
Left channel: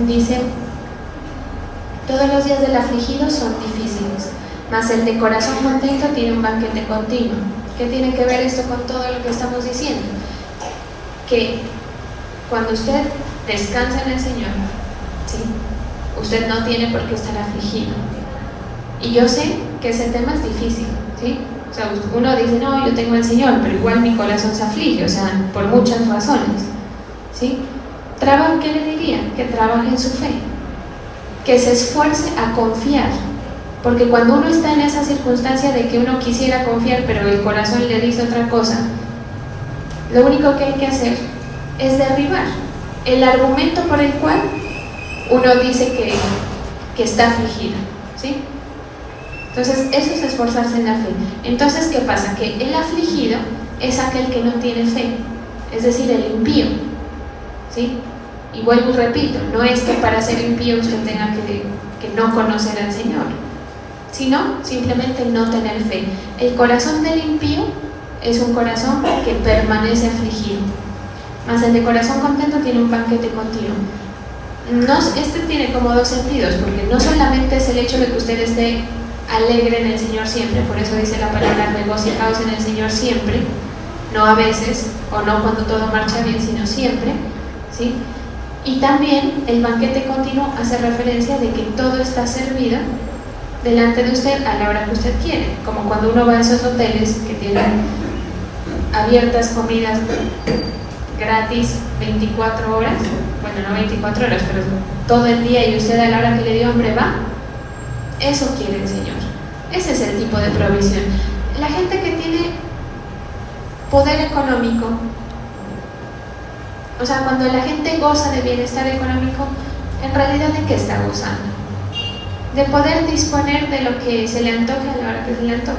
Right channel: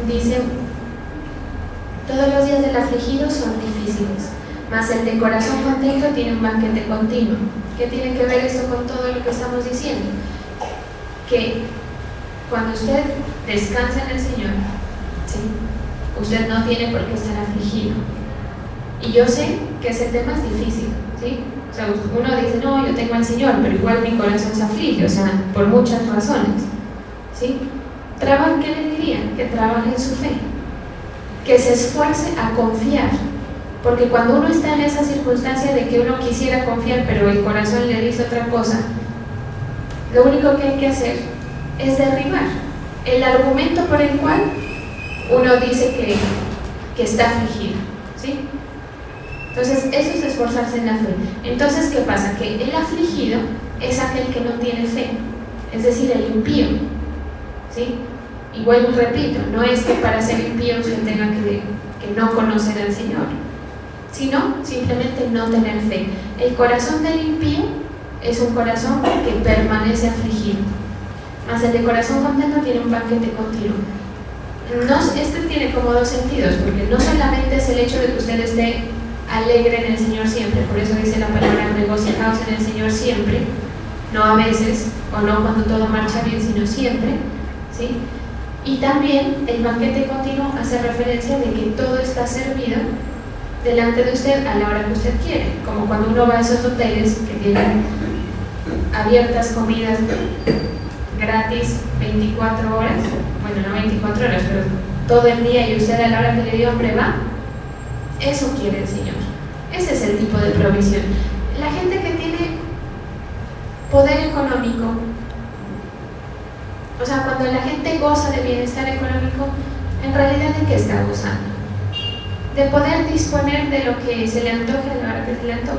Dice, todos los días del afligido son difíciles, mas el de corazón contento tiene un banquete continuo. ¿Qué tiene que ver esto con todo lo que estamos diciendo? Que cuando usted descansa en el Señor, ¿sí? Usted no tiene por qué estar afligido. Y yo sé que ese tema es difícil, ¿sí? O sea, uno dice, no, yo tengo al Señor, pero igual mi corazón se aflige, o sea, por muchas razones, ¿sí? ¿Qué le diría? Que trabaje en su fe, que se esfuerce a confiar, porque cuando uno está en esa circunstancia de que uno quisiera confiar pero el corazón le dice otra cosa, lo único que hay que hacer es derribar el argumento por el cual uno dice que está afligido, ¿sí? Entonces eso es esforzarse en la fe. Entonces, ¿qué pasa? Que el afligido es aquel que no tiene fe, es decir, el impío, ¿sí? Y vuelvo y repito, no es que para ser impío usted tenga que no conocer al Señor, sino simplemente no tener fe. El corazón del impío es un corazón que permanece afligido, mas el de corazón contento tiene un banquete continuo. Este tiene como dos sentidos, porque no solamente es el hecho de que usted esté alegre en el Señor siempre, por eso dice la palabra regocijaos en el Señor siempre, no a veces o no cuando todo marcha bien, sino siempre, ¿sí? Y también el banquete continuo hace referencia de que todo está servido delante de usted a la hora que usted quiere, como cuando uno va a esos hoteles que tienen abiertas comidas gratis 24 horas, bueno, no 24 horas, pero todo el día, y usted a la hora que le dio hambre va. Eso quiere el Señor. Ese es el tipo de provisión. La gente que tiene poder económico, o sea, cuando la gente goza de bienestar económico, en realidad ¿de qué está gozando? De poder disponer de lo que se le antoje a la hora que se le antoje,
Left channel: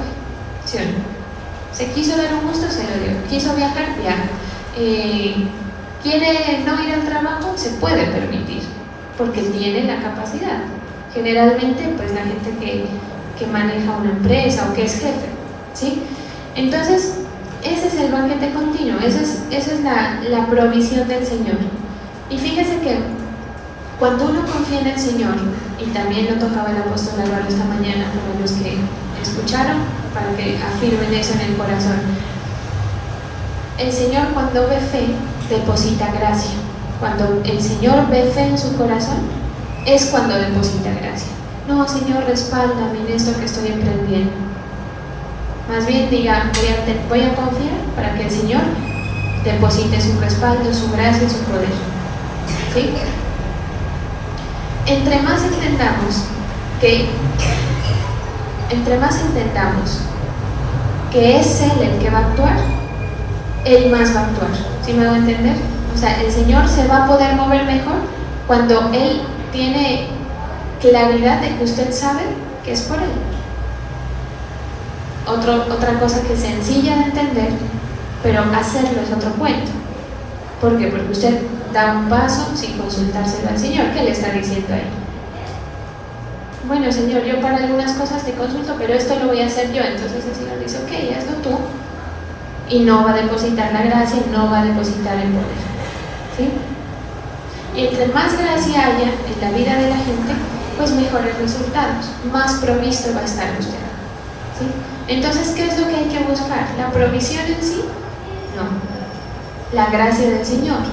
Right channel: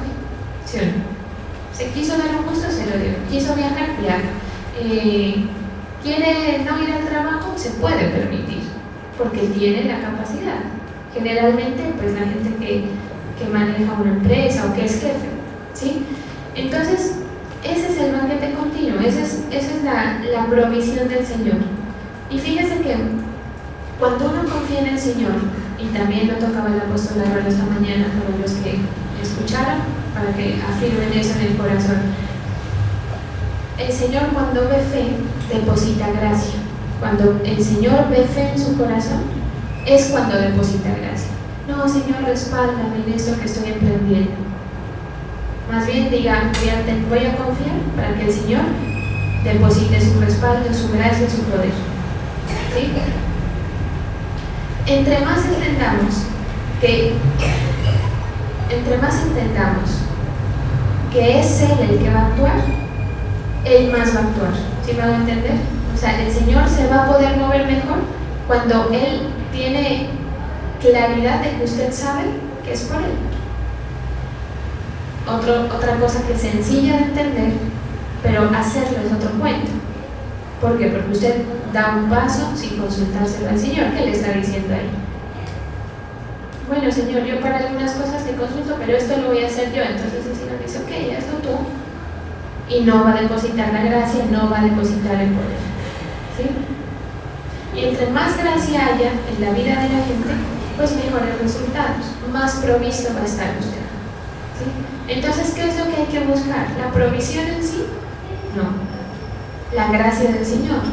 ¿sí o no? Se quiso dar un gusto, se lo dio. Quiso viajar, viaja. Quiere no ir al trabajo, se puede permitir, porque tiene la capacidad. Generalmente, pues la gente que maneja una empresa o que es jefe, ¿sí? Entonces, ese es el banquete continuo, esa es la provisión del Señor. Y fíjese que cuando uno confía en el Señor, y también lo tocaba el apóstol Álvaro esta mañana para los que escucharon, para que afirmen eso en el corazón, el Señor cuando ve fe, deposita gracia. Cuando el Señor ve fe en su corazón, es cuando deposita gracia. No, Señor, respáldame en esto que estoy emprendiendo. Más bien diga, voy a confiar para que el Señor deposite su respaldo, su gracia y su poder. ¿Sí? Entre más entendamos que es Él el que va a actuar, Él más va a actuar. ¿Sí me hago entender? O sea, el Señor se va a poder mover mejor cuando Él tiene claridad de que usted sabe que es por Él. Otra cosa que es sencilla de entender, pero hacerlo es otro cuento. ¿Por qué? Porque usted da un paso sin consultárselo al Señor. ¿Qué le está diciendo a Él? Bueno, Señor, yo para algunas cosas te consulto, pero esto lo voy a hacer yo. Entonces el Señor dice, ok, hazlo tú. Y no va a depositar la gracia, no va a depositar el poder. ¿Sí? Y entre más gracia haya en la vida de la gente, pues mejores resultados, más provisto va a estar usted. ¿Sí? Entonces, ¿qué es lo que hay que buscar? ¿La provisión en sí? No. La gracia del Señor.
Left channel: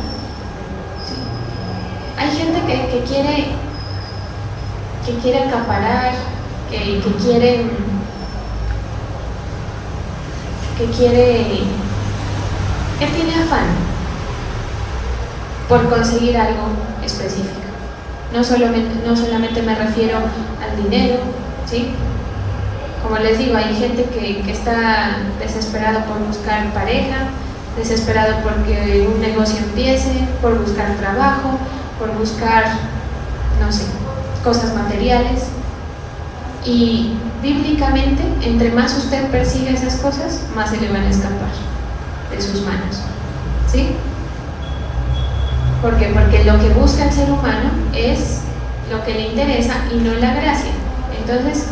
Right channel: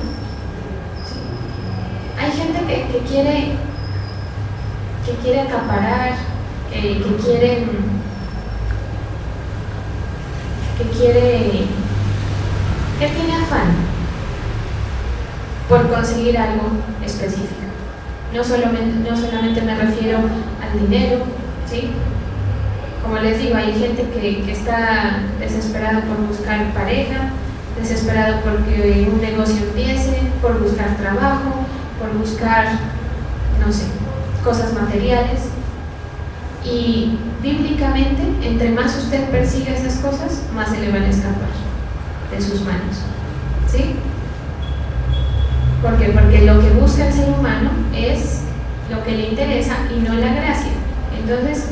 ¿Sí? Hay gente que quiere acaparar, que tiene afán por conseguir algo específico. No solamente me refiero al dinero, ¿sí? Como les digo, hay gente que está desesperado por buscar pareja, desesperado porque un negocio empiece, por buscar trabajo, por buscar, no sé, cosas materiales. Y bíblicamente, entre más usted persigue esas cosas, más se le van a escapar de sus manos. ¿Sí? ¿Por qué? Porque lo que busca el ser humano es lo que le interesa y no la gracia. Entonces,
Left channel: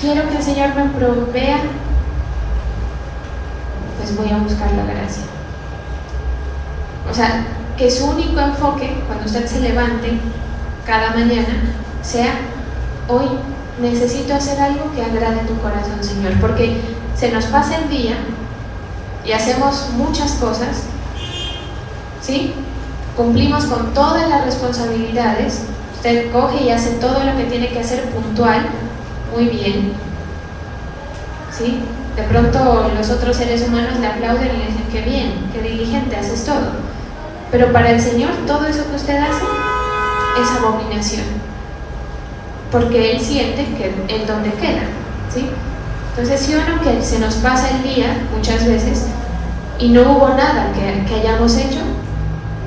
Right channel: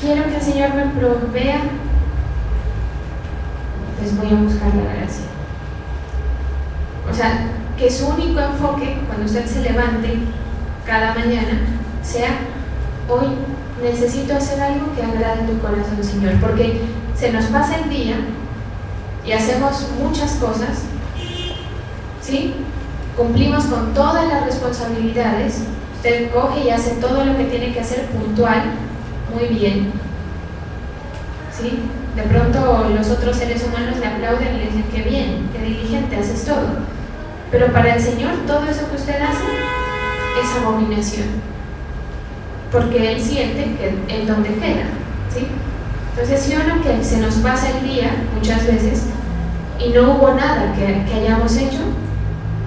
quiero que el Señor me provea, pues voy a buscar la gracia. O sea, que su único enfoque, cuando usted se levante cada mañana, sea: hoy necesito hacer algo que agrade tu corazón, Señor, porque se nos pasa el día y hacemos muchas cosas, ¿sí? Cumplimos con todas las responsabilidades, usted coge y hace todo lo que tiene que hacer puntual, muy bien, ¿sí? De pronto los otros seres humanos le aplauden y le dicen: qué bien, qué diligente, haces todo. Pero para el Señor todo eso que usted hace es abominación, porque Él siente que el donde queda, ¿sí? Entonces, si uno que se nos pasa el día muchas veces y no hubo nada que hayamos hecho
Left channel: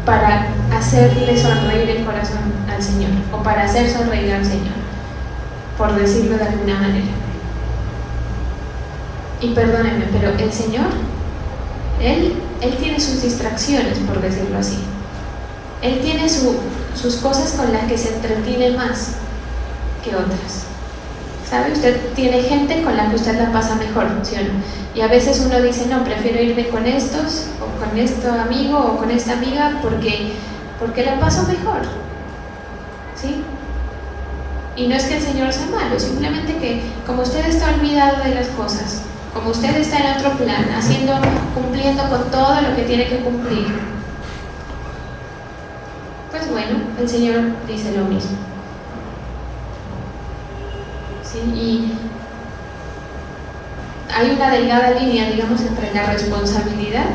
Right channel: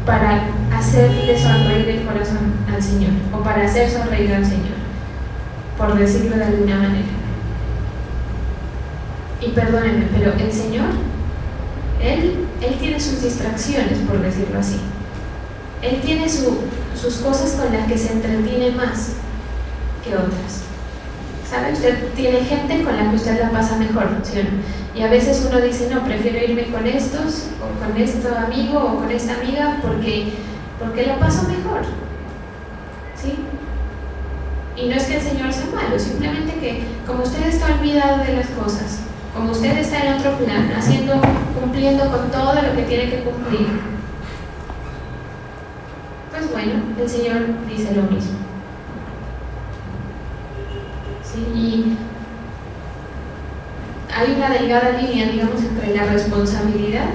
para hacerle sonreír el corazón al Señor, o para hacer sonreír al Señor, por decirlo de alguna manera. Y perdónenme, pero el Señor, Él tiene sus distracciones, por decirlo así. Él tiene sus cosas con las que se entretiene más que otras. ¿Sabe? Usted tiene gente con la que usted la pasa mejor, ¿sí o no? Y a veces uno dice: no, prefiero irme con estos, o con este amigo, o con esta amiga, porque la paso mejor, ¿sí? Y no es que el Señor sea malo, simplemente que como usted está olvidado de las cosas, como usted está en otro plan, cumpliendo con todo lo que tiene que cumplir, pues bueno, el Señor dice lo mismo. ¿Sí? Y hay una delgada línea, digamos, entre la responsabilidad,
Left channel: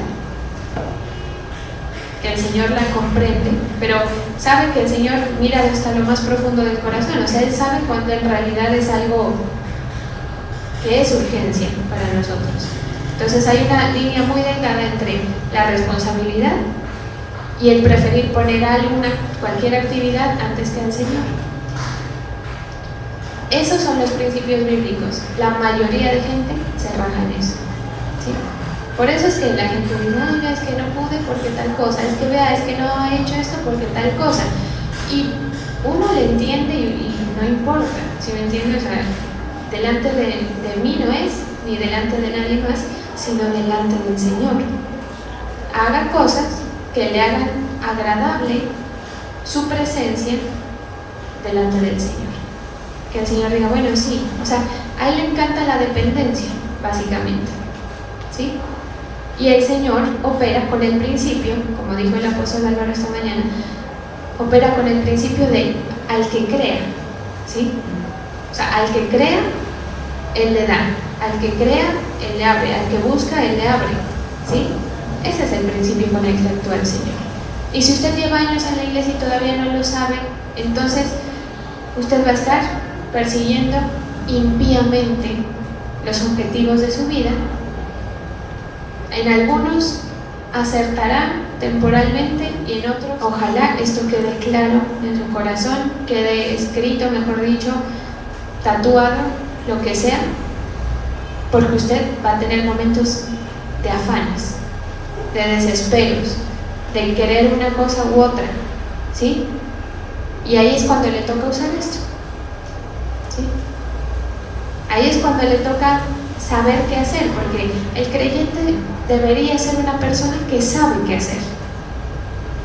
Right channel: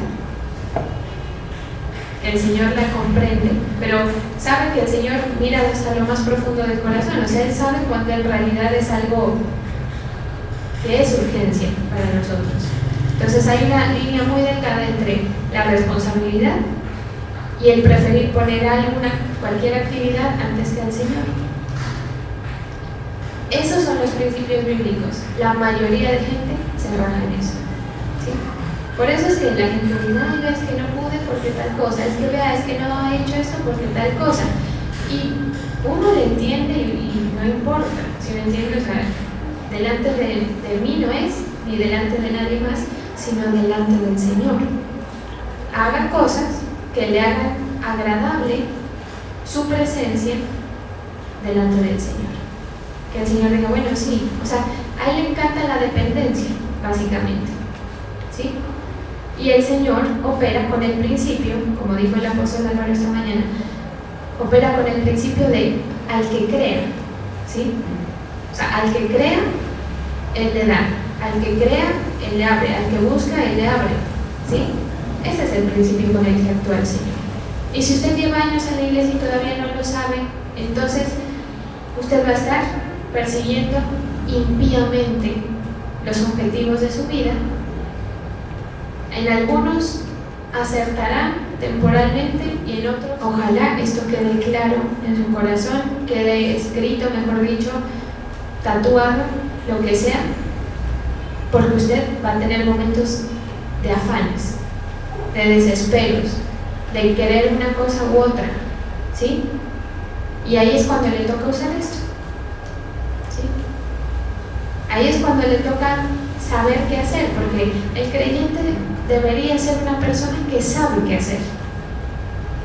que el Señor la comprende, pero sabe que el Señor mira hasta lo más profundo del corazón. O sea, Él sabe cuando en realidad es algo que es urgencia para nosotros. Entonces hay una línea muy delgada entre la responsabilidad y el preferir poner cualquier actividad antes que al Señor. Esos son los principios bíblicos. La mayoría de gente se raja en eso, ¿sí? Por eso es que la gente dice: ay, es que no pude porque tal cosa, es que no he hecho esto porque tal cosa. Y uno le entiende y no importa, ¿sí me entiendes? O sea, delante de mí no es, ni delante de nadie más, sino delante del Señor. Haga cosas que le hagan agradable su presencia delante del Señor. Que el Señor diga, bueno, sí, o sea, a Él le encanta la dependencia, básicamente, ¿sí? Y el Señor opera con el principio, como dijo el apóstol Álvaro esta mañana, opera con el principio de al que crea, ¿sí? O sea, al que crea, Él le da, al que crea, Él le abre, al que busca, Él le abre, ¿sí? Ese es el principio con el que actúa el Señor. Y si usted lleva años en la iglesia y todavía no lo sabe, entonces usted va a estar persiguiendo impíamente los objetivos de su vida. En algunos acertará temporalmente y en otros, ojalá esto quede claro en su corazón, quede escrito, mejor dicho, tatuado, lo que sea, porque usted va a tener momentos de afanes, de desesperos, de querer una cosa u otra, ¿sí? Y ahí es cuando le toca usar esto, ¿sí? Ahí es cuando le toca saber qué hacer, porque el creyente debería ser una persona que sabe qué hacer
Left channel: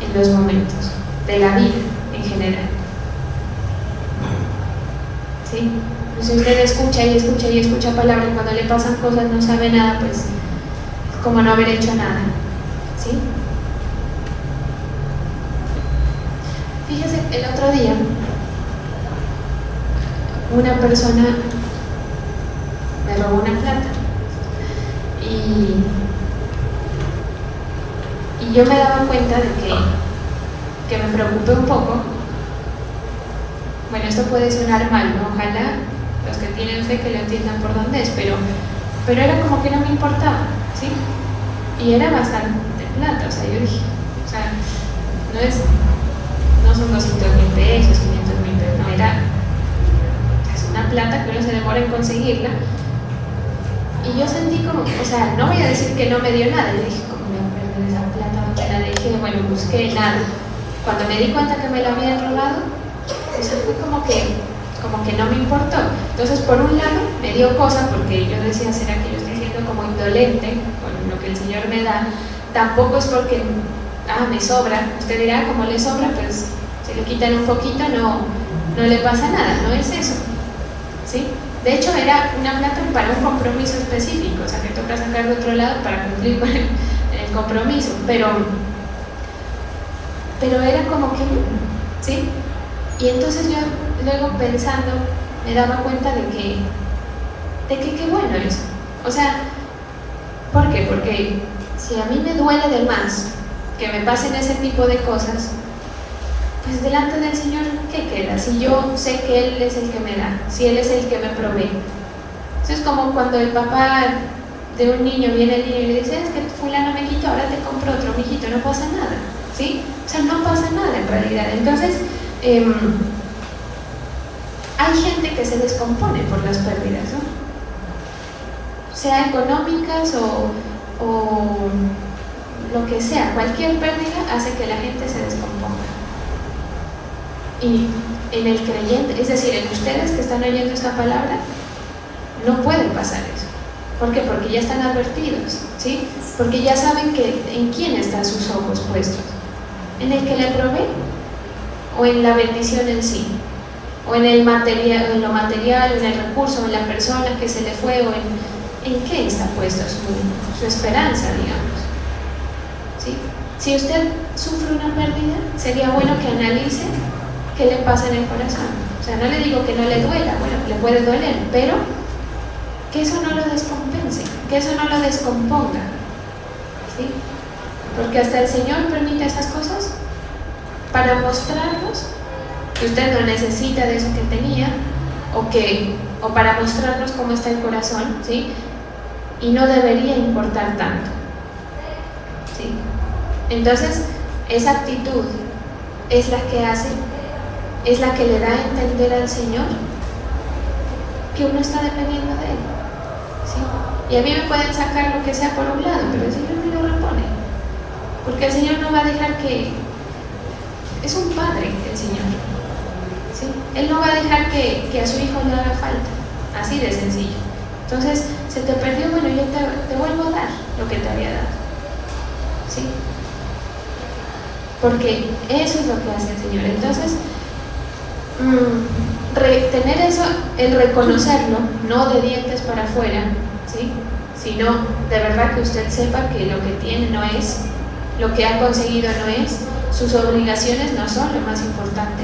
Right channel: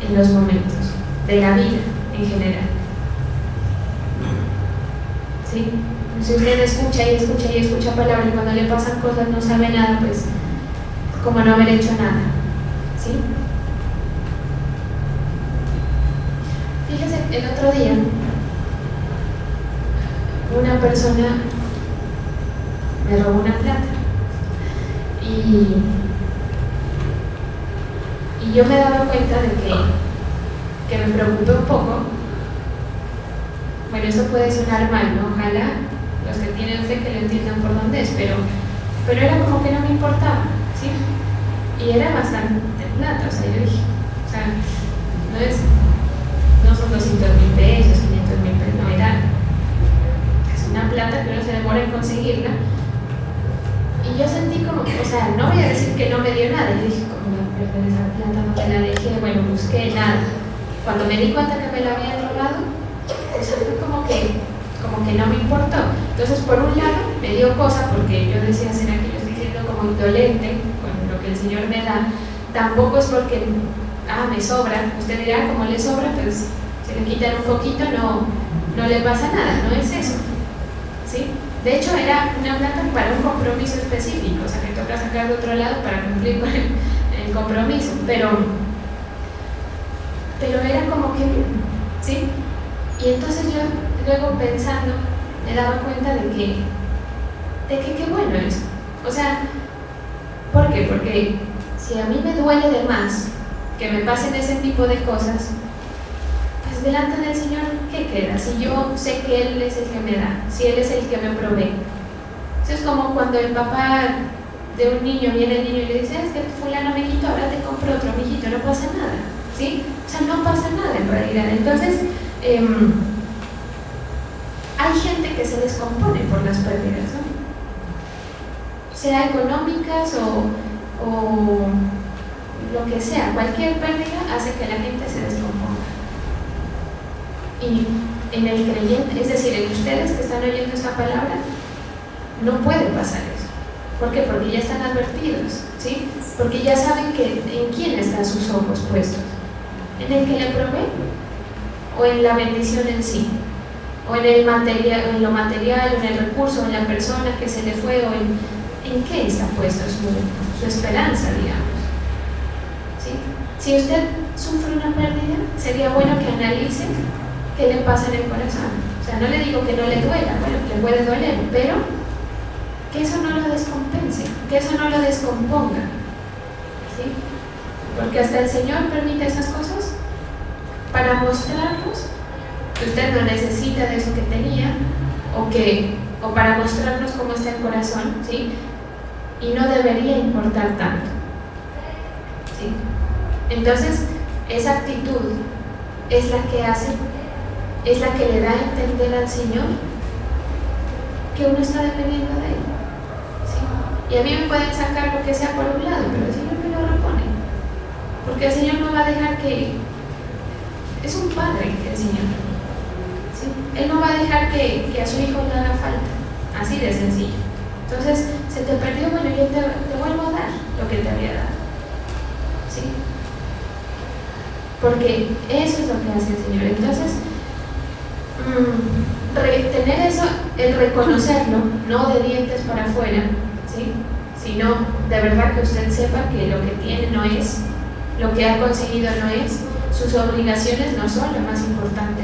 en los momentos de la vida en general, ¿sí? Si usted escucha y escucha y escucha palabras y cuando le pasan cosas no sabe nada, pues es como no haber hecho nada, ¿sí? Fíjese, el otro día una persona me robó una plata y yo me daba cuenta de que me preocupé un poco. Bueno, esto puede sonar mal, ¿no? Ojalá los que tienen fe que lo entiendan por dónde es, pero era como que no me importaba, ¿sí? Y era bastante plata, o sea, yo dije, o sea, no son 200,000 pesos, 500,000 pesos, no, es una plata que uno se demora en conseguirla. Y yo sentí como, o sea, no voy a decir que no me dio nada, y dije, ¿cómo voy a perder esa plata? ¿Dónde la dejé? Bueno, busqué nada. Cuando me di cuenta que me la habían robado, o sea, fue como que no me importó. Entonces, por un lado, me dio cosa, porque yo decía, ¿será que yo estoy siendo como indolente con lo que el Señor me da? Tampoco es porque, me sobra. Usted dirá, como le sobra, pues, si le quitan un poquito, no le pasa nada, no es eso, ¿sí? De hecho, era una plata para un compromiso específico, o sea, que toca sacar de otro lado para cumplir con el compromiso, pero era como que, ¿sí? Y entonces yo luego pensando me daba cuenta de que qué bueno eso. O sea, ¿por qué? Porque si a mí me duele de más que me pasen ese tipo de cosas, pues delante del Señor, ¿qué queda? Si yo sé que Él es el que me da, si Él es el que me provee. Eso es como cuando el papá de un niño viene al niño y le dice, es que fulano me quitó, ahora te compro otro, mijito, no pasa nada, ¿sí? O sea, no pasa nada en realidad. Entonces, hay gente que se descompone por las pérdidas, ¿no? Sea económicas o lo que sea, cualquier pérdida hace que la gente se descomponga. Y en el creyente, es decir, en ustedes que están oyendo esta palabra, no puede pasar eso. ¿Por qué? Porque ya están advertidos, ¿sí? Porque ya saben en quién están sus ojos puestos. ¿En el que le provee? ¿O en la bendición en sí? ¿O en el material, o en lo material, o en el recurso, o en la persona que se le fue, o en qué está puesta su esperanza, digamos? ¿Sí? Si usted sufre una pérdida, sería bueno que analice qué le pasa en el corazón. O sea, no le digo que no le duela, bueno, le puede doler, pero que eso no lo descompense, que eso no lo descomponga, ¿sí? Porque hasta el Señor permite esas cosas para mostrarnos que usted no necesita de eso que tenía, o para mostrarnos cómo está el corazón, ¿sí? Y no debería importar tanto, ¿sí? Entonces, esa actitud es la que le da a entender al Señor que uno está dependiendo de Él, ¿sí? Y a mí me pueden sacar lo que sea por un lado, pero el Señor me lo repone, porque el Señor no va a dejar que Es un padre el Señor, ¿sí? Él no va a dejar que a su hijo le haga falta, así de sencillo. Entonces, se te perdió, bueno, yo te vuelvo a dar lo que te había dado, ¿sí? Porque eso es lo que hace el Señor. Entonces, tener eso, el reconocerlo, no de dientes para afuera, ¿sí? Sino de verdad que usted sepa que lo que tiene no es, lo que ha conseguido no es, sus obligaciones no son lo más importante,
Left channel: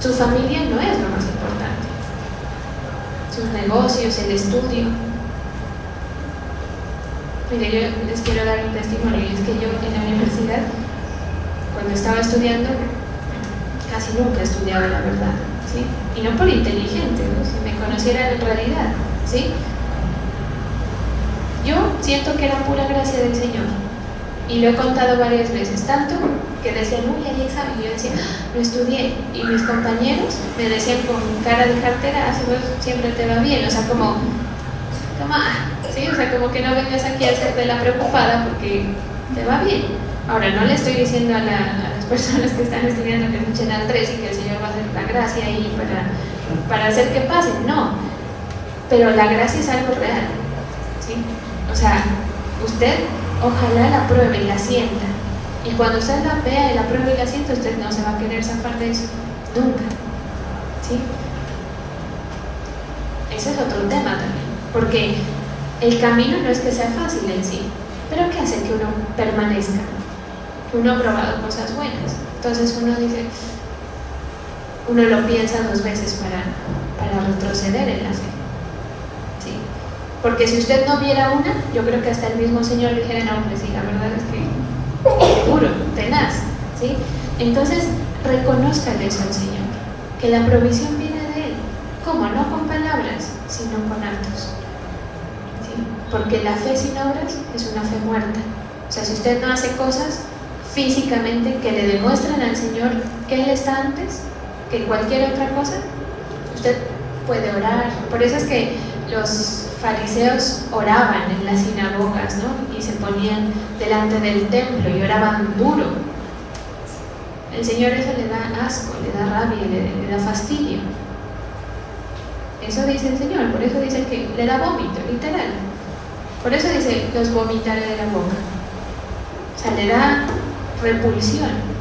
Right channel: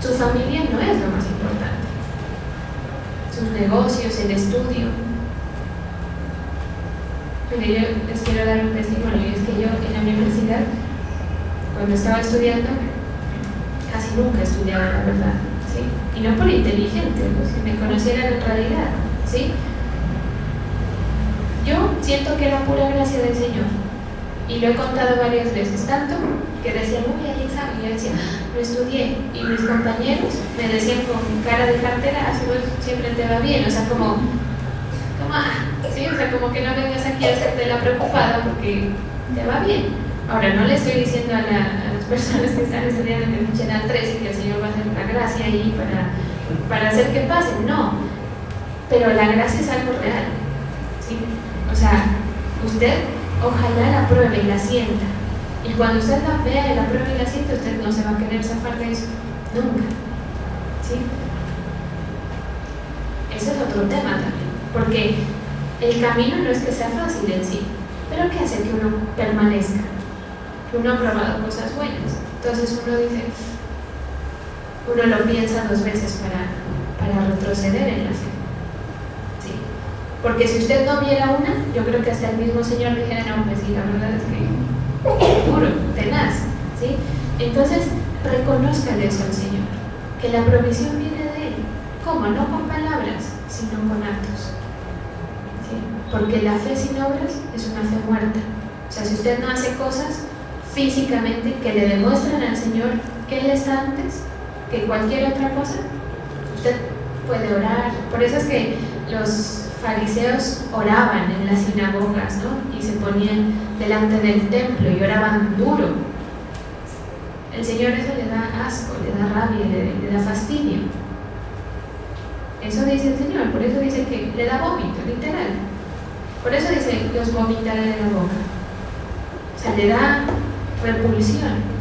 su familia no es lo más importante, sus negocios, el estudio. Mire, yo les quiero dar un testimonio, y es que yo en la universidad, cuando estaba estudiando, casi nunca estudiaba, la verdad, ¿sí? Y no por inteligente, ¿no? Si me conocieran en realidad, ¿sí? Yo siento que era pura gracia del Señor, y lo he contado varias veces, tanto que decían, uy, hay examen, y yo decía, no estudié, y mis compañeros me decían con cara de cartera, así vos siempre te va bien, o sea, como, toma, ¿sí? O sea, como que no vengas aquí a hacerte la preocupada porque te va bien. Ahora, no le estoy diciendo a las personas que están estudiando que escuchen al 3 y que el Señor va a hacer una gracia ahí para hacer que pase, no, pero la gracia es algo real, ¿sí? O sea, usted ojalá la pruebe y la sienta, y cuando usted la vea y la pruebe y la sienta, usted no se va a querer zafar de eso, nunca, ¿sí? Ese es otro tema también, porque el camino no es que sea fácil en sí, pero que hace que uno permanezca, que uno ha probado cosas buenas. Entonces uno dice, uno lo piensa 2 veces para retroceder en la fe, ¿sí? Porque si usted no viera una, yo creo que hasta el mismo Señor le dijera, no, hombre, sí, la verdad es que duro, tenaz, ¿sí? Entonces, reconózcale eso al Señor, que la provisión viene de Él. ¿Cómo? No con palabras, sino con actos, ¿sí? Porque la fe sin obras es una fe muerta. O sea, si usted no hace cosas físicamente que le demuestran al Señor que Él está antes que cualquier otra cosa, usted puede orar. Por eso es que los fariseos oraban en las sinagogas, ¿no? Y se ponían delante del templo y oraban duro. El Señor eso le da asco, le da rabia, le da fastidio. Eso dice el Señor, por eso dice que le da vómito, literal. Por eso dice, los vomitaré de la boca. O sea, le da repulsión.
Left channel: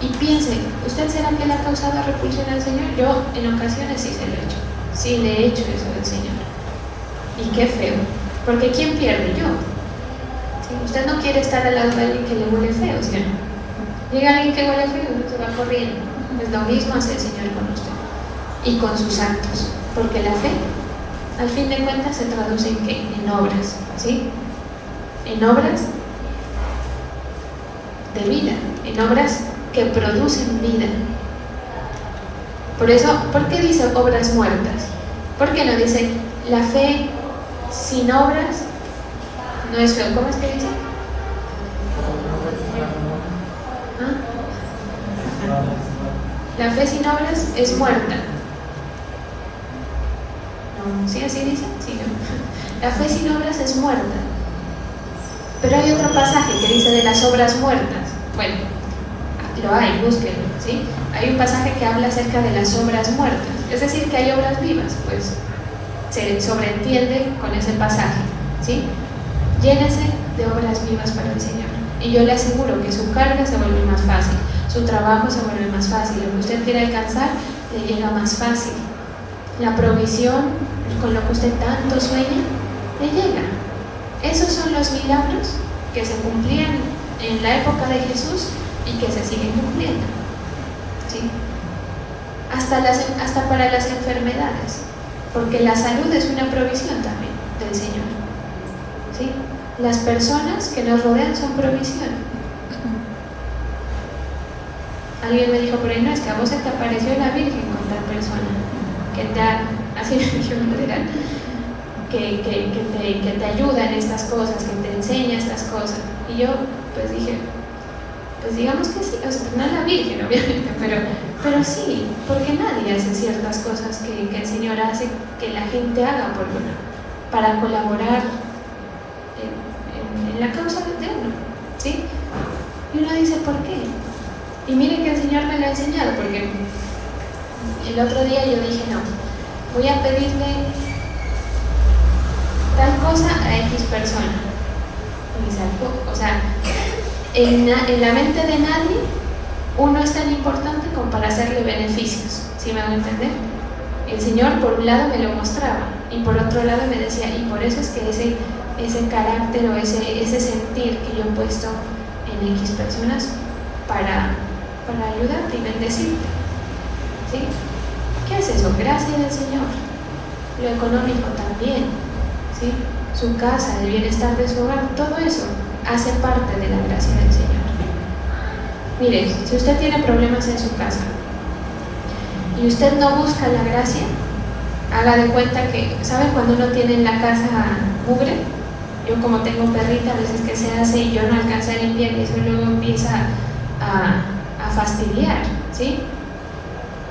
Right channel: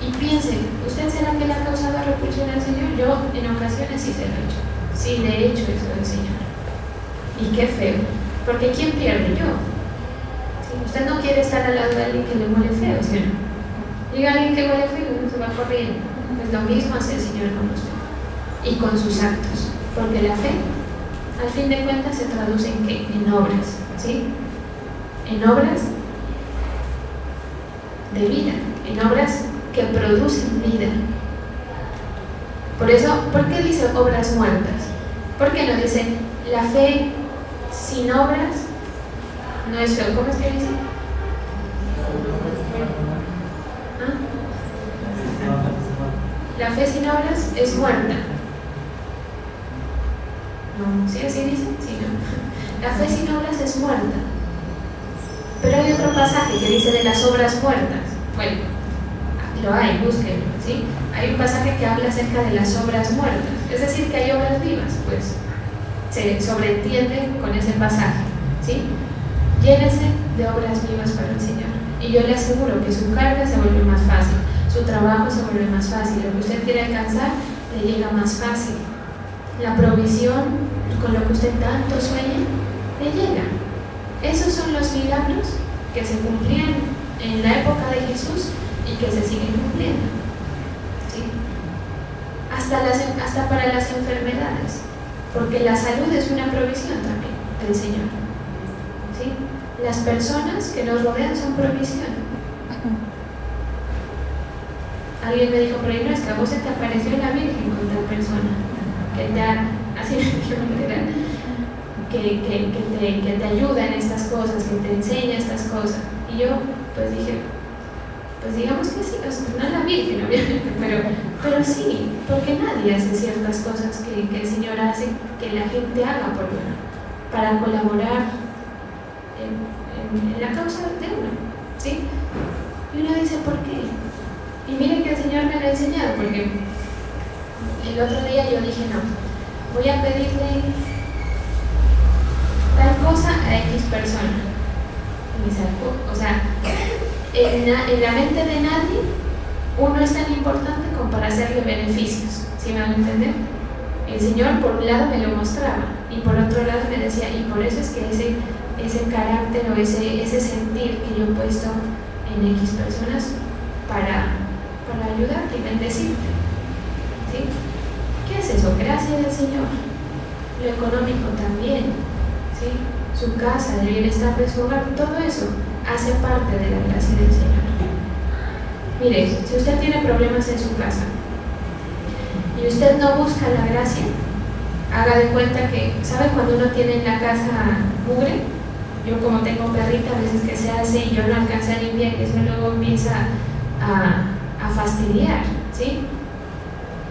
Y piense, ¿usted será que le ha causado repulsión al Señor? Yo en ocasiones sí se lo he hecho. Sí le he hecho eso al Señor. Y qué feo. Porque ¿quién pierde? Yo. ¿Sí? Usted no quiere estar al lado de alguien que le huele feo, ¿sí? Llega alguien que huele feo, uno se va corriendo. Pues lo mismo hace el Señor con usted. Y con sus actos. Porque la fe, al fin de cuentas, se traduce en ¿qué? En obras. ¿Sí? En obras de vida. En obras que producen vida. Por eso, ¿por qué dice obras muertas? ¿Por qué no dice la fe sin obras no es fe? ¿Cómo es que dice? ¿Ah? La fe sin obras es muerta. No, ¿sí así dice? Sí, no. La fe sin obras es muerta. Pero hay otro pasaje que dice de las obras muertas. Bueno, lo hay, búsquenlo, ¿sí? Hay un pasaje que habla acerca de las obras muertas, es decir, que hay obras vivas, pues se sobreentiende con ese pasaje, ¿sí? Llénese de obras vivas para el Señor, y yo le aseguro que su carga se vuelve más fácil, su trabajo se vuelve más fácil, lo que usted quiere alcanzar le llega más fácil, la provisión con lo que usted tanto sueña le llega. Esos son los milagros que se cumplían en la época de Jesús y que se siguen cumpliendo, ¿sí? Hasta para las enfermedades, porque la salud es una provisión también del Señor, ¿sí? Las personas que nos rodean son provisión. Alguien me dijo, pero no, es que a vos se te apareció la Virgen con tal persona que te ha, así me dijeron literal, que te ayuda en estas cosas, que te enseña estas cosas. Y yo pues dije, pues digamos que sí, o sea, no es la Virgen obviamente, pero sí, porque nadie hace ciertas cosas que el Señor hace que la gente haga por uno, para colaborar en la causa de uno, ¿sí? Y uno dice, Y miren que el Señor me lo ha enseñado, porque el otro día yo dije, no, voy a pedirle tal cosa a X persona. O sea, en la mente de nadie uno es tan importante como para hacerle beneficios, ¿sí van a entender? El Señor por un lado me lo mostraba y por otro lado me decía, y por eso es que ese carácter o ese sentir que yo he puesto en X personas para ayudarte y bendecirte, ¿sí? ¿Qué es eso? Gracia del Señor. Lo económico también, ¿sí? Su casa, el bienestar de su hogar, todo eso hace parte de la gracia del Señor. Mire, si usted tiene problemas en su casa y usted no busca la gracia, haga de cuenta que, ¿sabe cuando uno tiene en la casa mugre? Yo como tengo perrita, a veces que se hace y yo no alcancé a limpiar y eso luego empieza a fastidiar, ¿sí?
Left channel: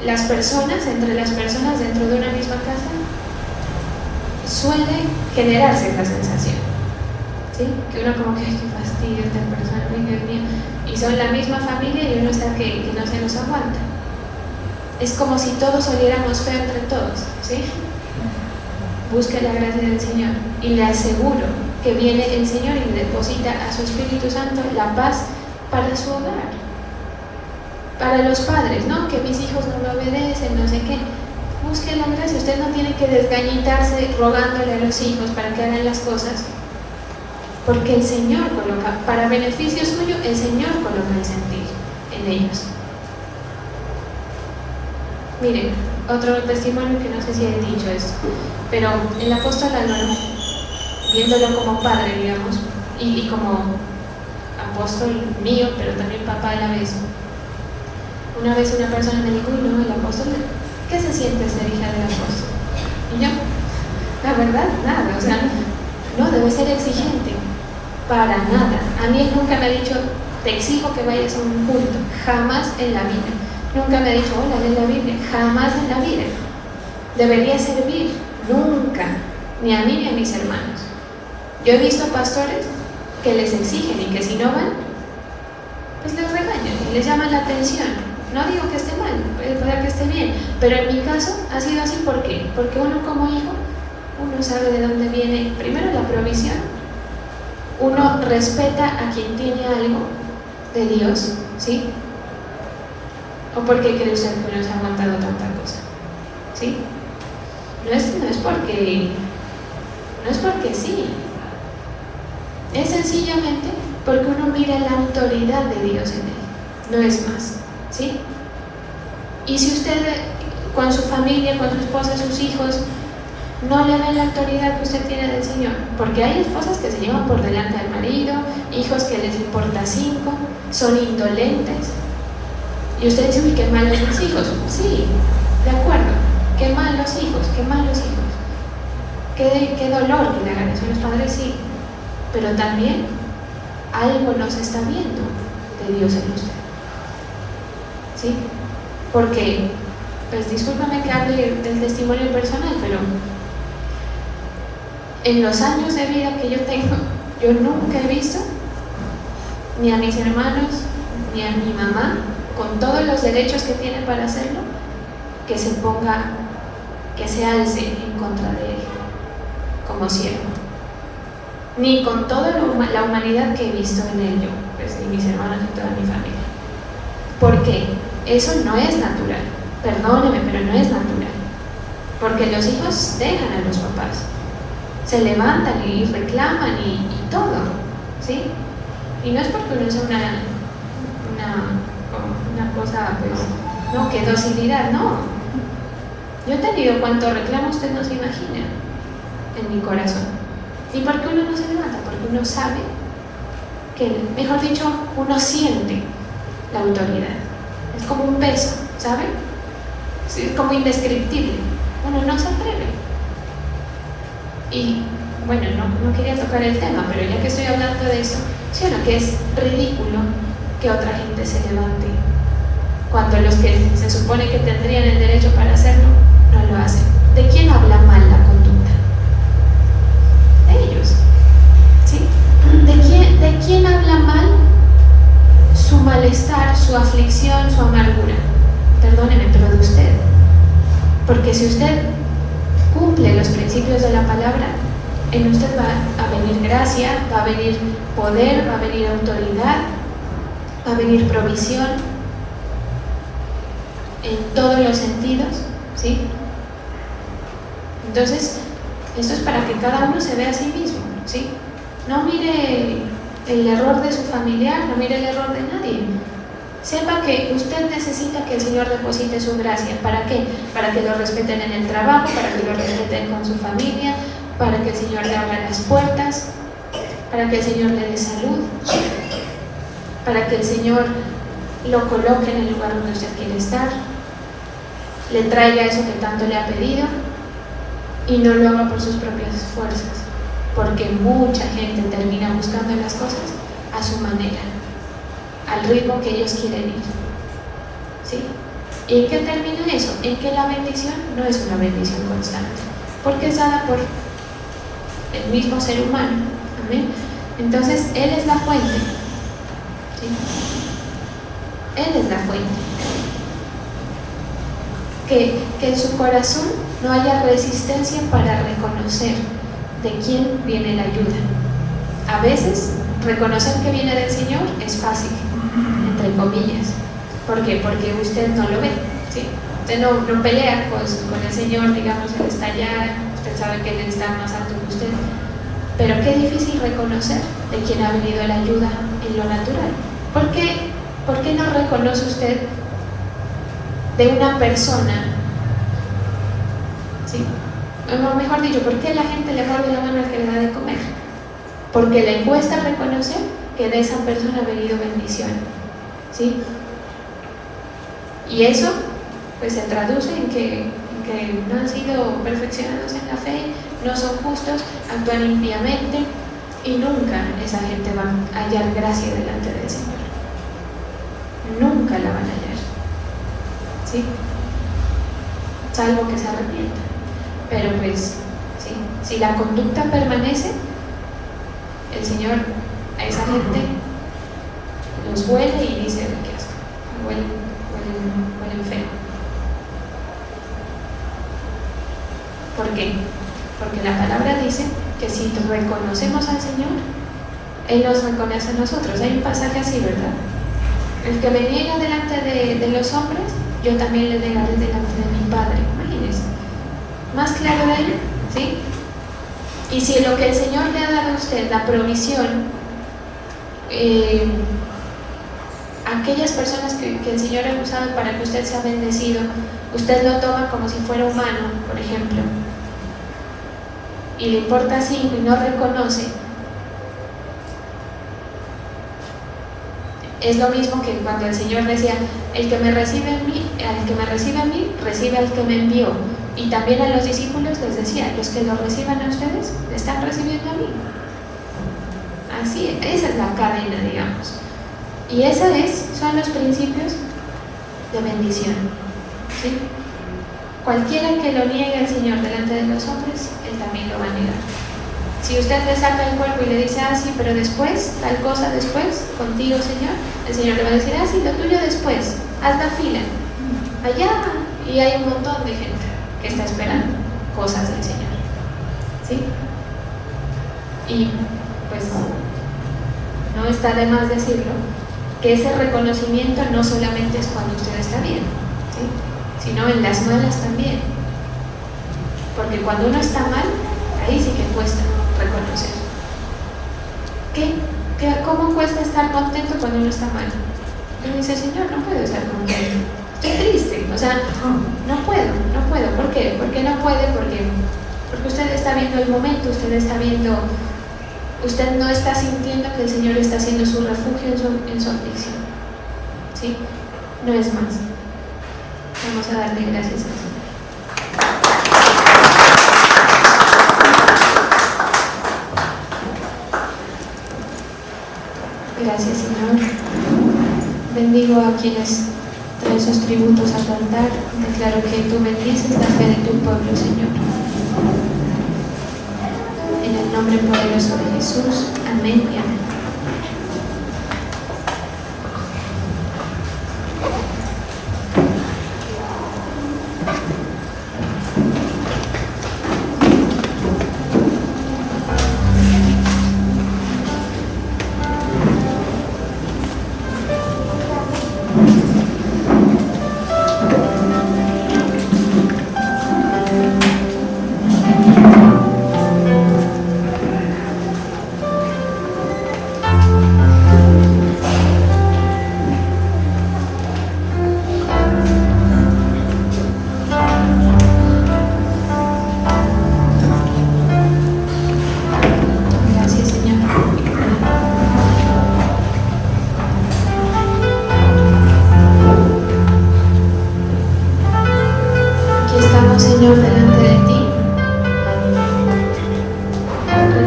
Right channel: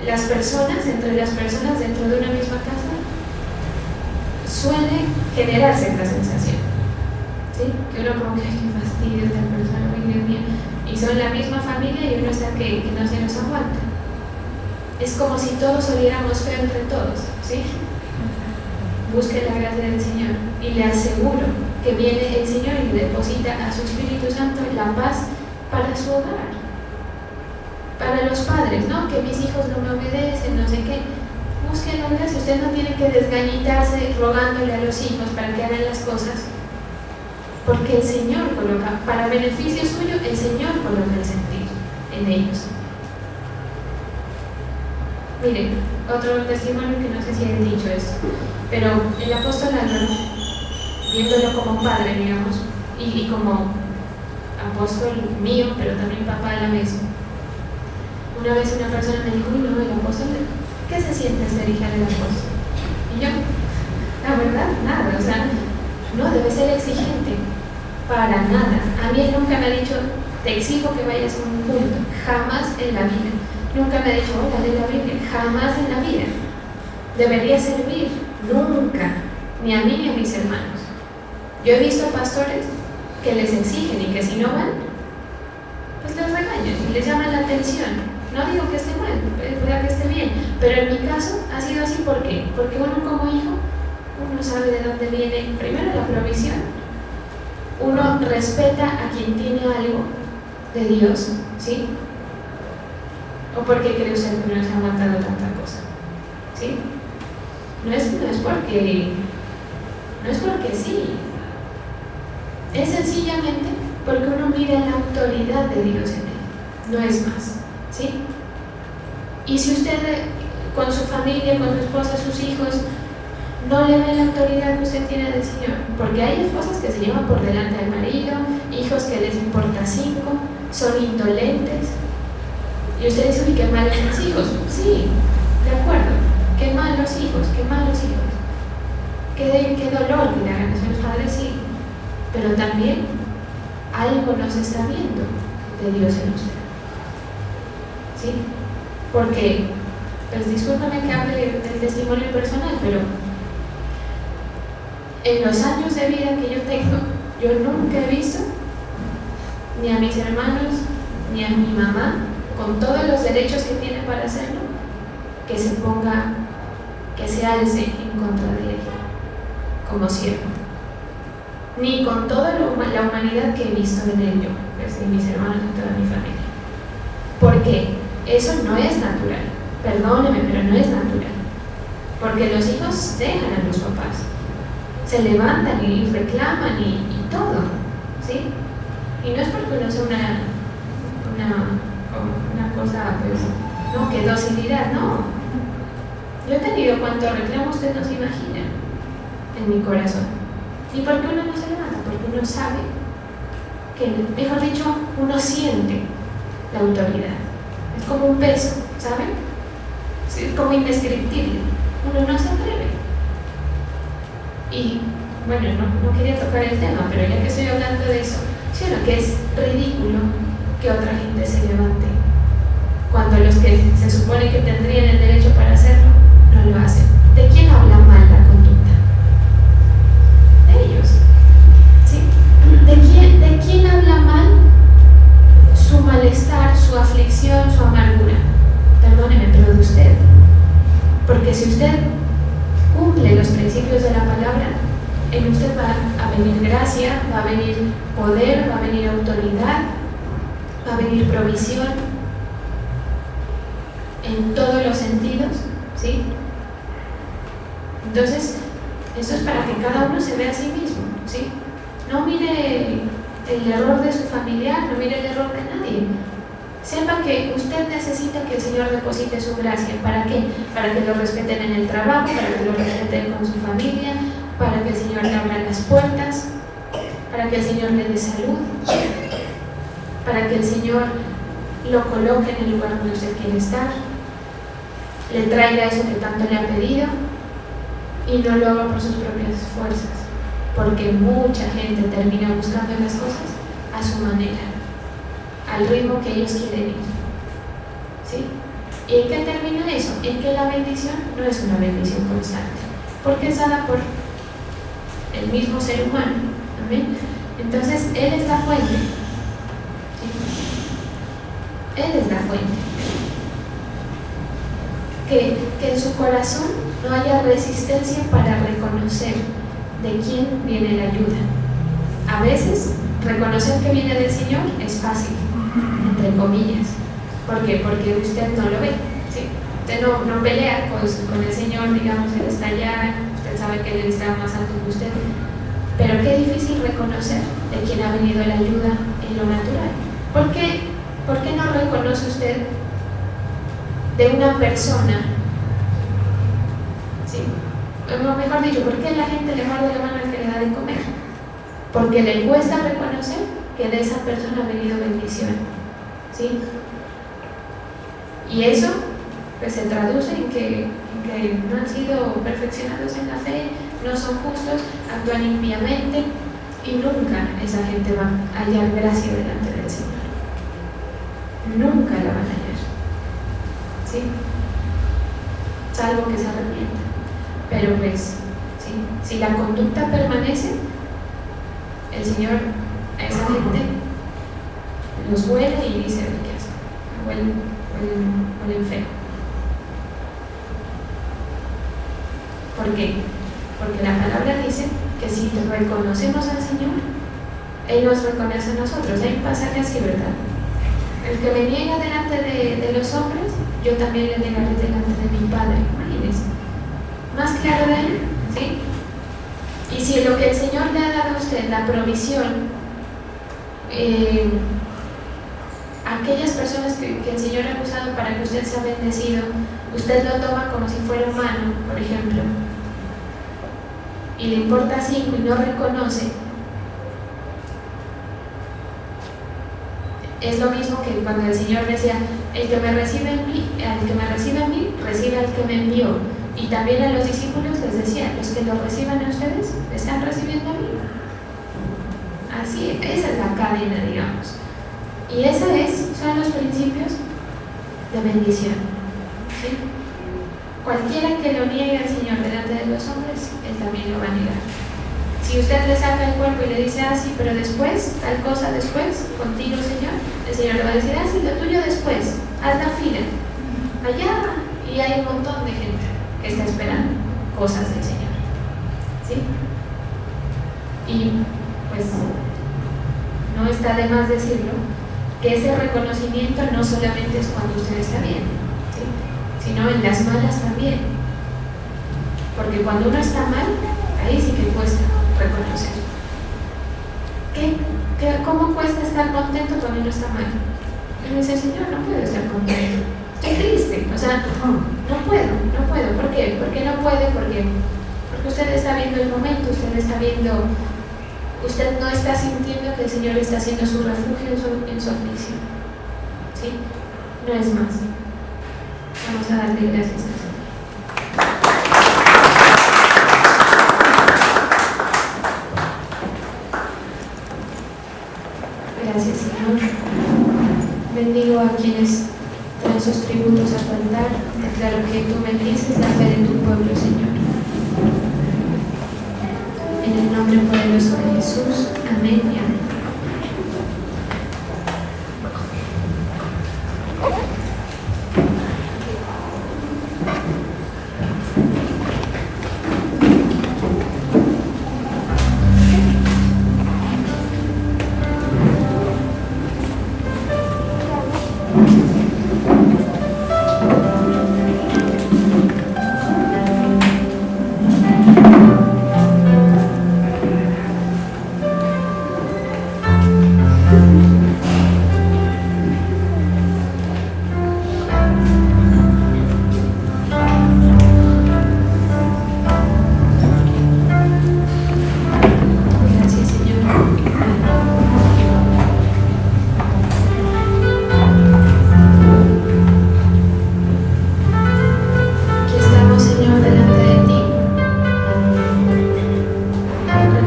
Las personas, entre las personas dentro de una misma casa, suele generarse esta sensación, ¿sí? Que uno como que, qué fastidio esta persona, Dios mío, y son la misma familia y uno está que no se nos aguanta. Es como si todos oliéramos feo entre todos, ¿sí? Busque la gracia del Señor y le aseguro que viene el Señor y deposita a su Espíritu Santo la paz para su hogar. Para los padres, ¿no? Que mis hijos no me obedecen, no sé qué. Busque la gracia. Usted no tiene que desgañitarse rogándole a los hijos para que hagan las cosas, porque el Señor coloca, para beneficio suyo, el Señor coloca el sentir en ellos. Miren, otro testimonio que no sé si he dicho esto, pero el apóstol Álvaro, viéndolo como padre, digamos, y como apóstol mío, pero también papá a la vez, una vez una persona me dijo, uy, no, el apóstol, ¿qué se siente ser hija del apóstol? Y yo, la verdad, nada, o sea, no debe ser exigente, para nada. A mí nunca me ha dicho, te exijo que vayas a un culto, jamás en la vida. Nunca me ha dicho, hola, lee la Biblia, jamás en la vida. Debería servir, nunca, ni a mí ni a mis hermanos. Yo he visto pastores que les exigen y que si no van, pues les regañan y les llaman la atención. No digo que esté mal, puede que esté bien, pero en mi caso ha sido así. ¿Por qué? Porque uno como hijo, uno sabe de dónde viene primero la provisión, uno respeta a quien tiene algo de Dios, ¿sí? ¿O por qué cree usted que nos ha aguantado tanta cosa? ¿Sí? No es porque sí, es sencillamente porque uno mira la autoridad de Dios en él, no es más, ¿sí? Y si usted con su familia, con su esposa, sus hijos, no le ven la autoridad que usted tiene del Señor, porque hay esposas que se llevan por delante al marido, hijos que les importa 5, son indolentes, y usted dice, uy, qué mal los hijos. Sí, de acuerdo, qué malos hijos, qué dolor que le hagan eso a los padres, sí, pero también algo nos está viendo de Dios en usted, ¿sí? Porque, pues discúlpame que hable del testimonio personal, pero en los años de vida que yo tengo, yo nunca he visto ni a mis hermanos, ni a mi mamá, con todos los derechos que tiene para hacerlo, que se ponga, que se alce en contra de él como siervo, ni con toda la humanidad que he visto en él yo, pues, ni mis hermanos ni toda mi familia. Porque eso no es natural, perdóneme, pero no es natural, porque los hijos dejan a los papás, se levantan y reclaman y todo, ¿sí? Y no es porque uno sea una cosa, pues, no, que docilidad, no. Yo he tenido cuanto reclamo, usted no se imagina, en mi corazón. ¿Y por qué uno no se levanta? Porque uno sabe que, mejor dicho, uno siente la autoridad. Es como un peso, ¿sabe? Es como indescriptible. Uno no se atreve. Y, bueno, no quería tocar el tema, pero ya que estoy hablando de eso, sí o no, que es ridículo que otra gente se levante cuando los que se supone que tendrían el derecho para hacerlo no lo hacen. ¿De quién habla mal la conducta? De ellos, ¿sí? ¿De quién habla mal su malestar, su aflicción, gracia va a venir poder, va a venir autoridad, va a venir provisión en todos los sentidos, ¿sí? Entonces, esto es para que cada uno se vea a sí mismo, ¿sí? No mire el error de su familiar, no mire el error de nadie. Sepa que usted necesita que el Señor deposite su gracia. ¿Para qué? Para que lo respeten en el trabajo, para que lo respeten con su familia, para que el Señor le abra las puertas, para que el Señor le dé salud, para que el Señor lo coloque en el lugar donde usted quiere estar, le traiga eso que tanto le ha pedido y no lo haga por sus propias fuerzas, porque mucha gente termina buscando las cosas a su manera, al ritmo que ellos quieren ir, ¿sí? ¿Y en qué termina eso? En que la bendición no es una bendición constante, porque es dada por el mismo ser humano. ¿Amén? Entonces, Él es la fuente, ¿sí? Él es la fuente. Que en su corazón no haya resistencia para reconocer de quién viene la ayuda. A veces, reconocer que viene del Señor es fácil, entre comillas. ¿Por qué? Porque usted no lo ve, ¿sí? Usted no pelea con el Señor, digamos, Él está allá, usted sabe que Él está más alto que usted. Pero qué difícil reconocer de quién ha venido la ayuda en lo natural. ¿Por qué no reconoce usted de una persona? ¿Sí? O mejor dicho, ¿por qué la gente le muerde la mano al que le da de comer? Porque le cuesta reconocer que de esa persona ha venido bendición, ¿sí? Y eso pues se traduce en que no han sido perfeccionados en la fe, no son justos, actúan impíamente y nunca esa gente va a hallar gracia delante del Señor. Nunca lo van a hallar, ¿sí? Salvo que se arrepientan. Pero pues, ¿sí? Si la conducta permanece, el Señor a esa gente los huele y dice: ¿qué asco? Huelen feo. ¿Por qué? Porque la palabra dice que si reconocemos al Señor, Él nos reconoce a nosotros. Hay un pasaje así, ¿verdad? El que me niegue delante de los hombres, yo también le negaré delante de mi Padre. Imagínense. Más claro de Él, ¿sí? Y si lo que el Señor le ha dado a usted, la provisión, aquellas personas que el Señor ha usado para que usted sea bendecido, usted lo toma como si fuera humano, por ejemplo, y le importa 5 y no reconoce, es lo mismo que cuando el Señor decía: el que me recibe a mí, recibe al que me envió. Y también a los discípulos les decía: los que lo reciban a ustedes, me están recibiendo a mí. Así es, esa es la cadena, digamos. Y esos son los principios de bendición, ¿sí? Cualquiera que lo niegue al Señor delante de los hombres, Él también lo va a negar. Si usted le saca el cuerpo y le dice: ah, sí, pero después, tal cosa después, contigo, Señor, el Señor le va a decir: ah, sí, lo tuyo después, haz la fila, allá. Y hay un montón de gente que está esperando cosas del Señor, ¿sí? Y pues no está de más decirlo, que ese reconocimiento no solamente es cuando usted está bien, ¿sí? Sino en las malas también, porque cuando uno está mal, ahí sí que cuesta reconocer. ¿Cómo cuesta estar contento cuando uno está mal? Uno dice: Señor, no puedo estar contento, estoy triste, o sea, no puedo. ¿Por qué? ¿Por qué no puede? Porque usted está viendo el momento, usted no está sintiendo que el Señor está haciendo su refugio en su aflicción, ¿sí? No es más. Vamos a darle gracias al Señor. Gracias, Señor. Bendigo a quienes traen sus tributos a tu altar. Declaro que tú bendices la fe de tu pueblo, Señor. En el nombre poderoso de Jesús. Amén y amén.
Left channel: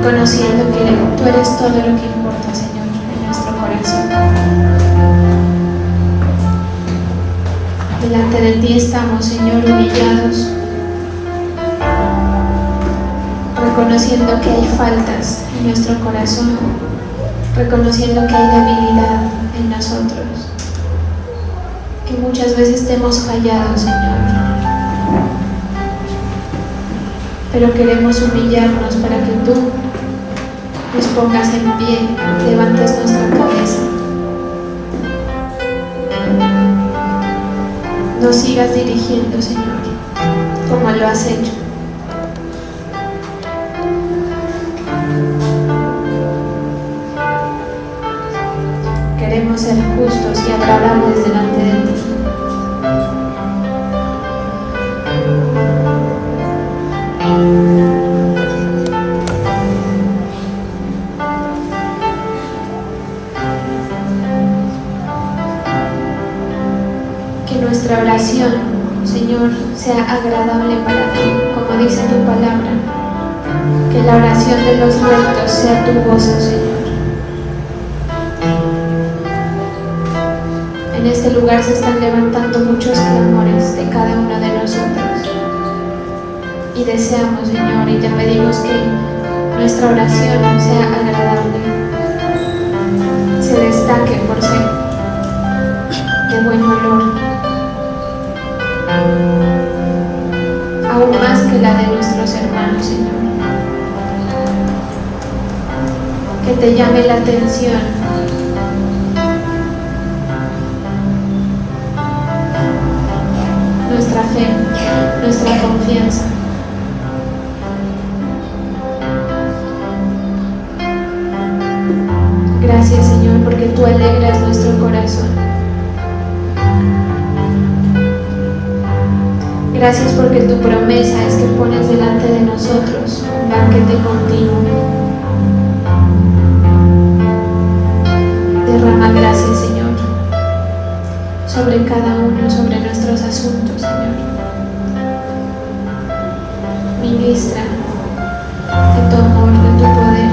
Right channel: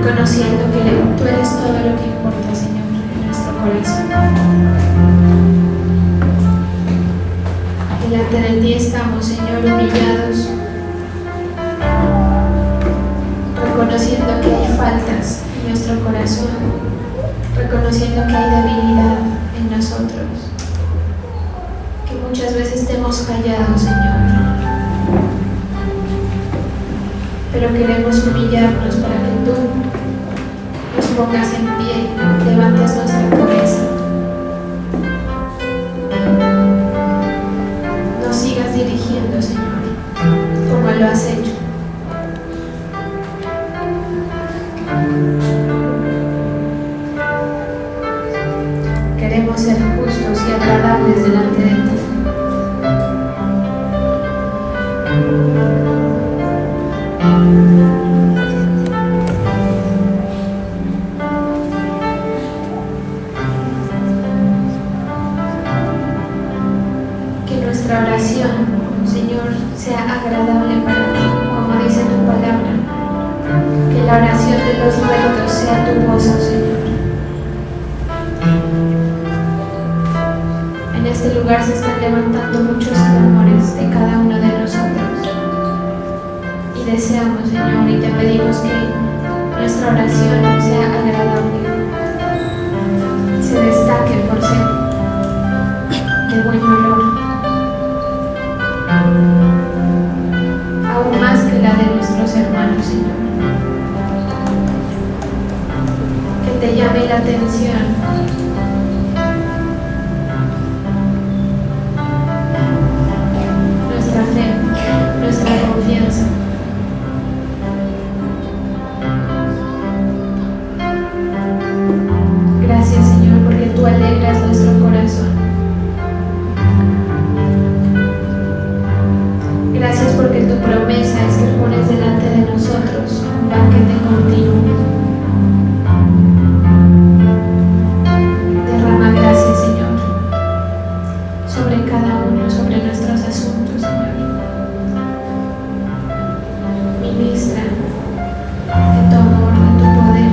Reconociendo que tú eres todo lo que importa, Señor, en nuestro corazón. Delante de ti estamos, Señor, humillados, reconociendo que hay faltas en nuestro corazón, reconociendo que hay debilidad en nosotros, que muchas veces te hemos callado, Señor. Pero queremos humillarnos para que tú nos pongas en pie, levantes nuestra cabeza. Nos sigas dirigiendo, Señor, como lo has hecho. Queremos ser justos y agradables delante de ti. Que nuestra oración, Señor, sea agradable para ti, como dice tu palabra. Que la oración de los muertos sea tu gozo, Señor. En este lugar se están levantando muchos clamores de cada uno de nosotros. Y deseamos, Señor, y te pedimos que nuestra oración sea agradable, se destaque por ser de buen olor, aún más que la de nuestros hermanos, Señor. Que te llame la atención nuestra fe, nuestra confianza. Gracias, Señor, porque tú alegras nuestro corazón. Gracias porque tu promesa es que pones delante de nosotros un banquete continuo. Derrama gracia, Señor, sobre cada uno, sobre nuestros asuntos, Señor. Ministra de tu amor, de tu poder.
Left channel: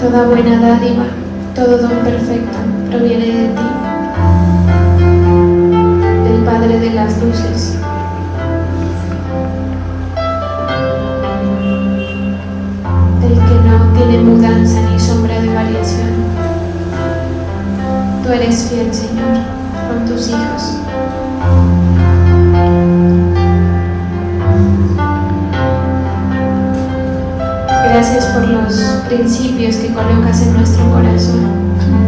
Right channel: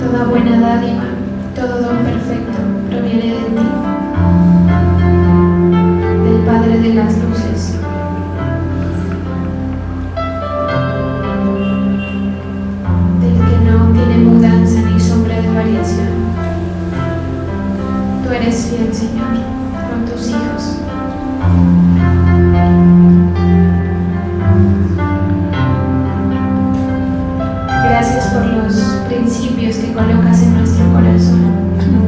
Toda buena dádiva, todo don perfecto proviene de ti, del Padre de las luces. Del que no tiene mudanza ni sombra de variación. Tú eres fiel, Señor, con tus hijos. Gracias por los principios que colocas en nuestro corazón.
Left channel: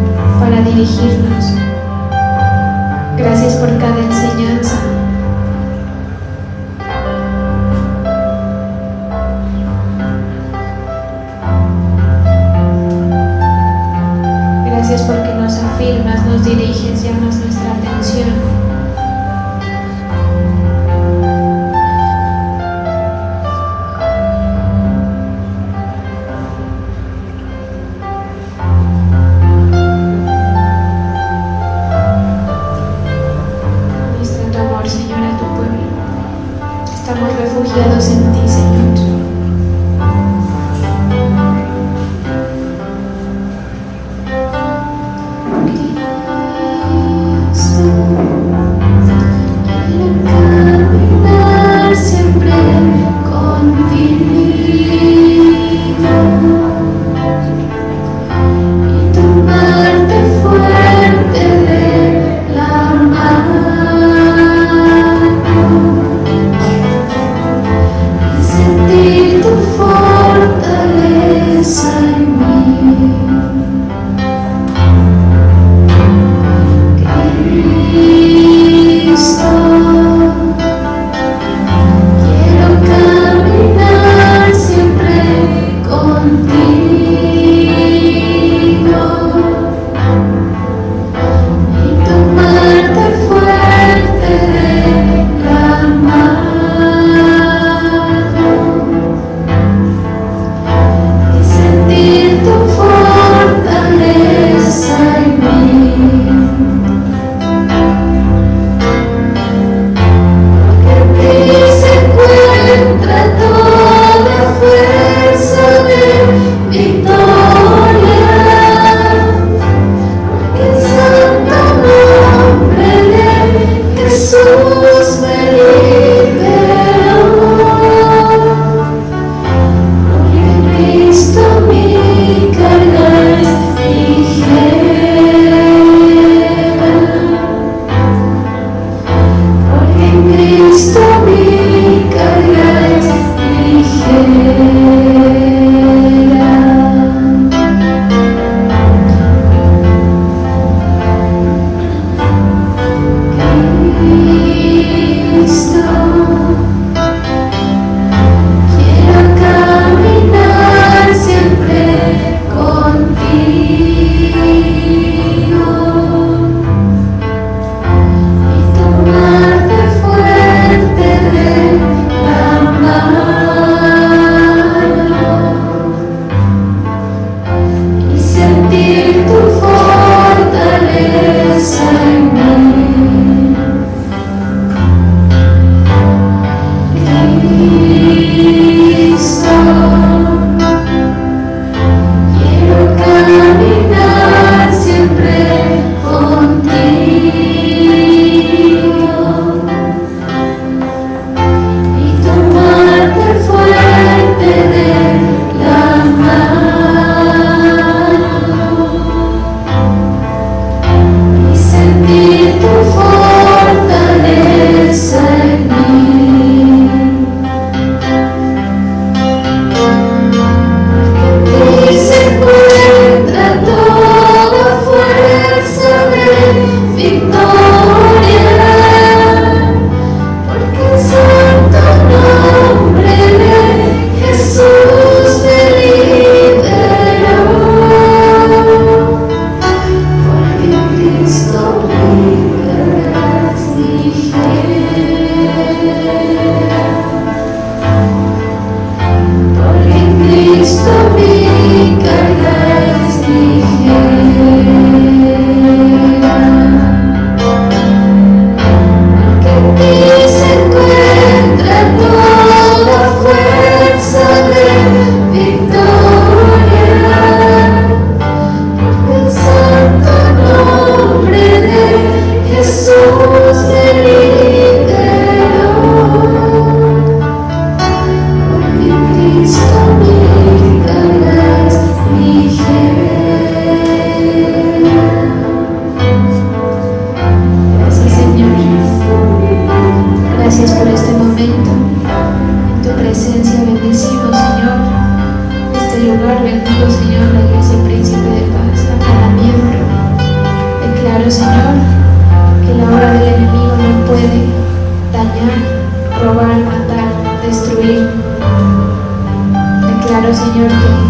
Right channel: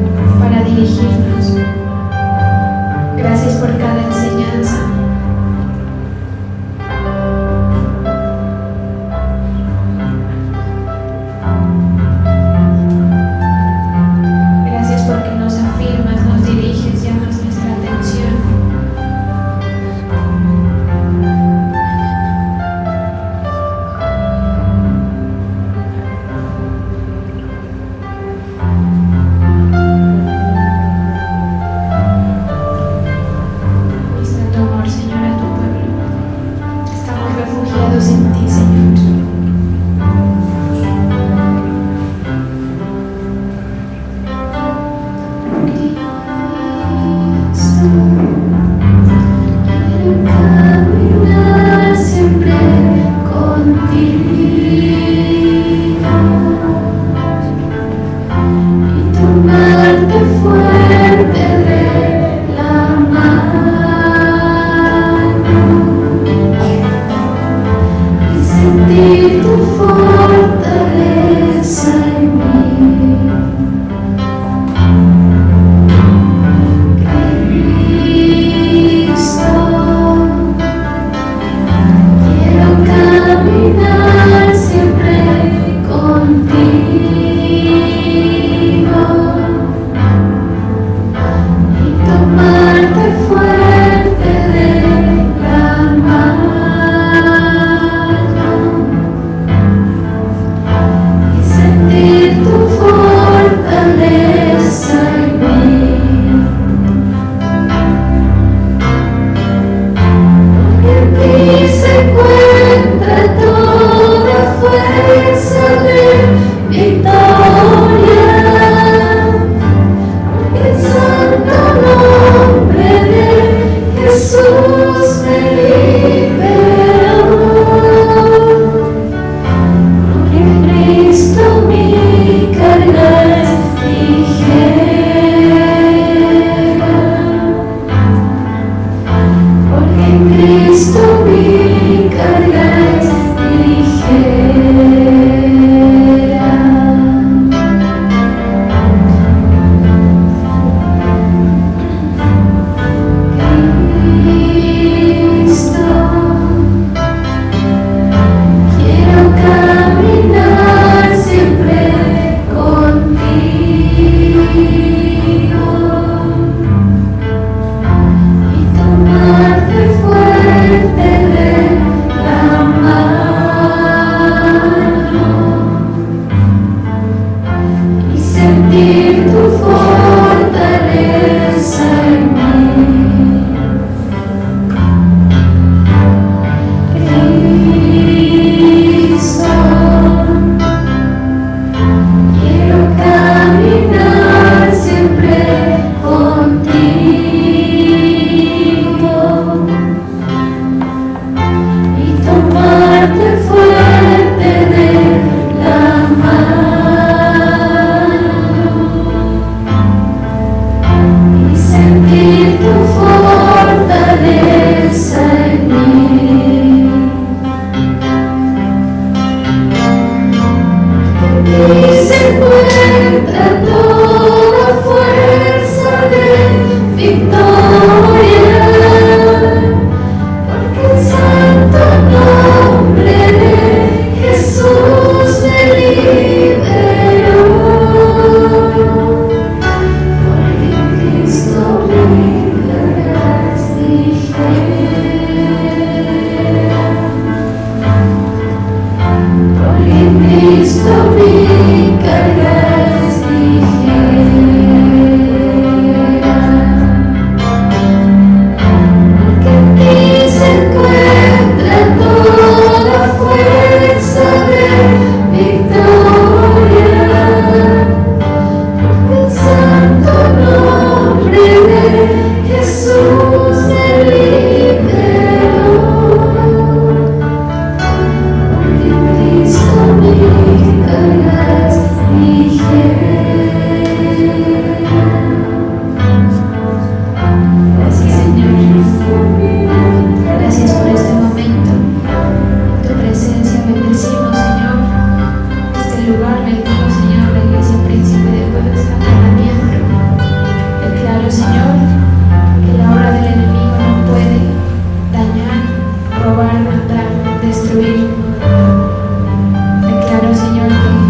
destruir. Declaro, Señor, que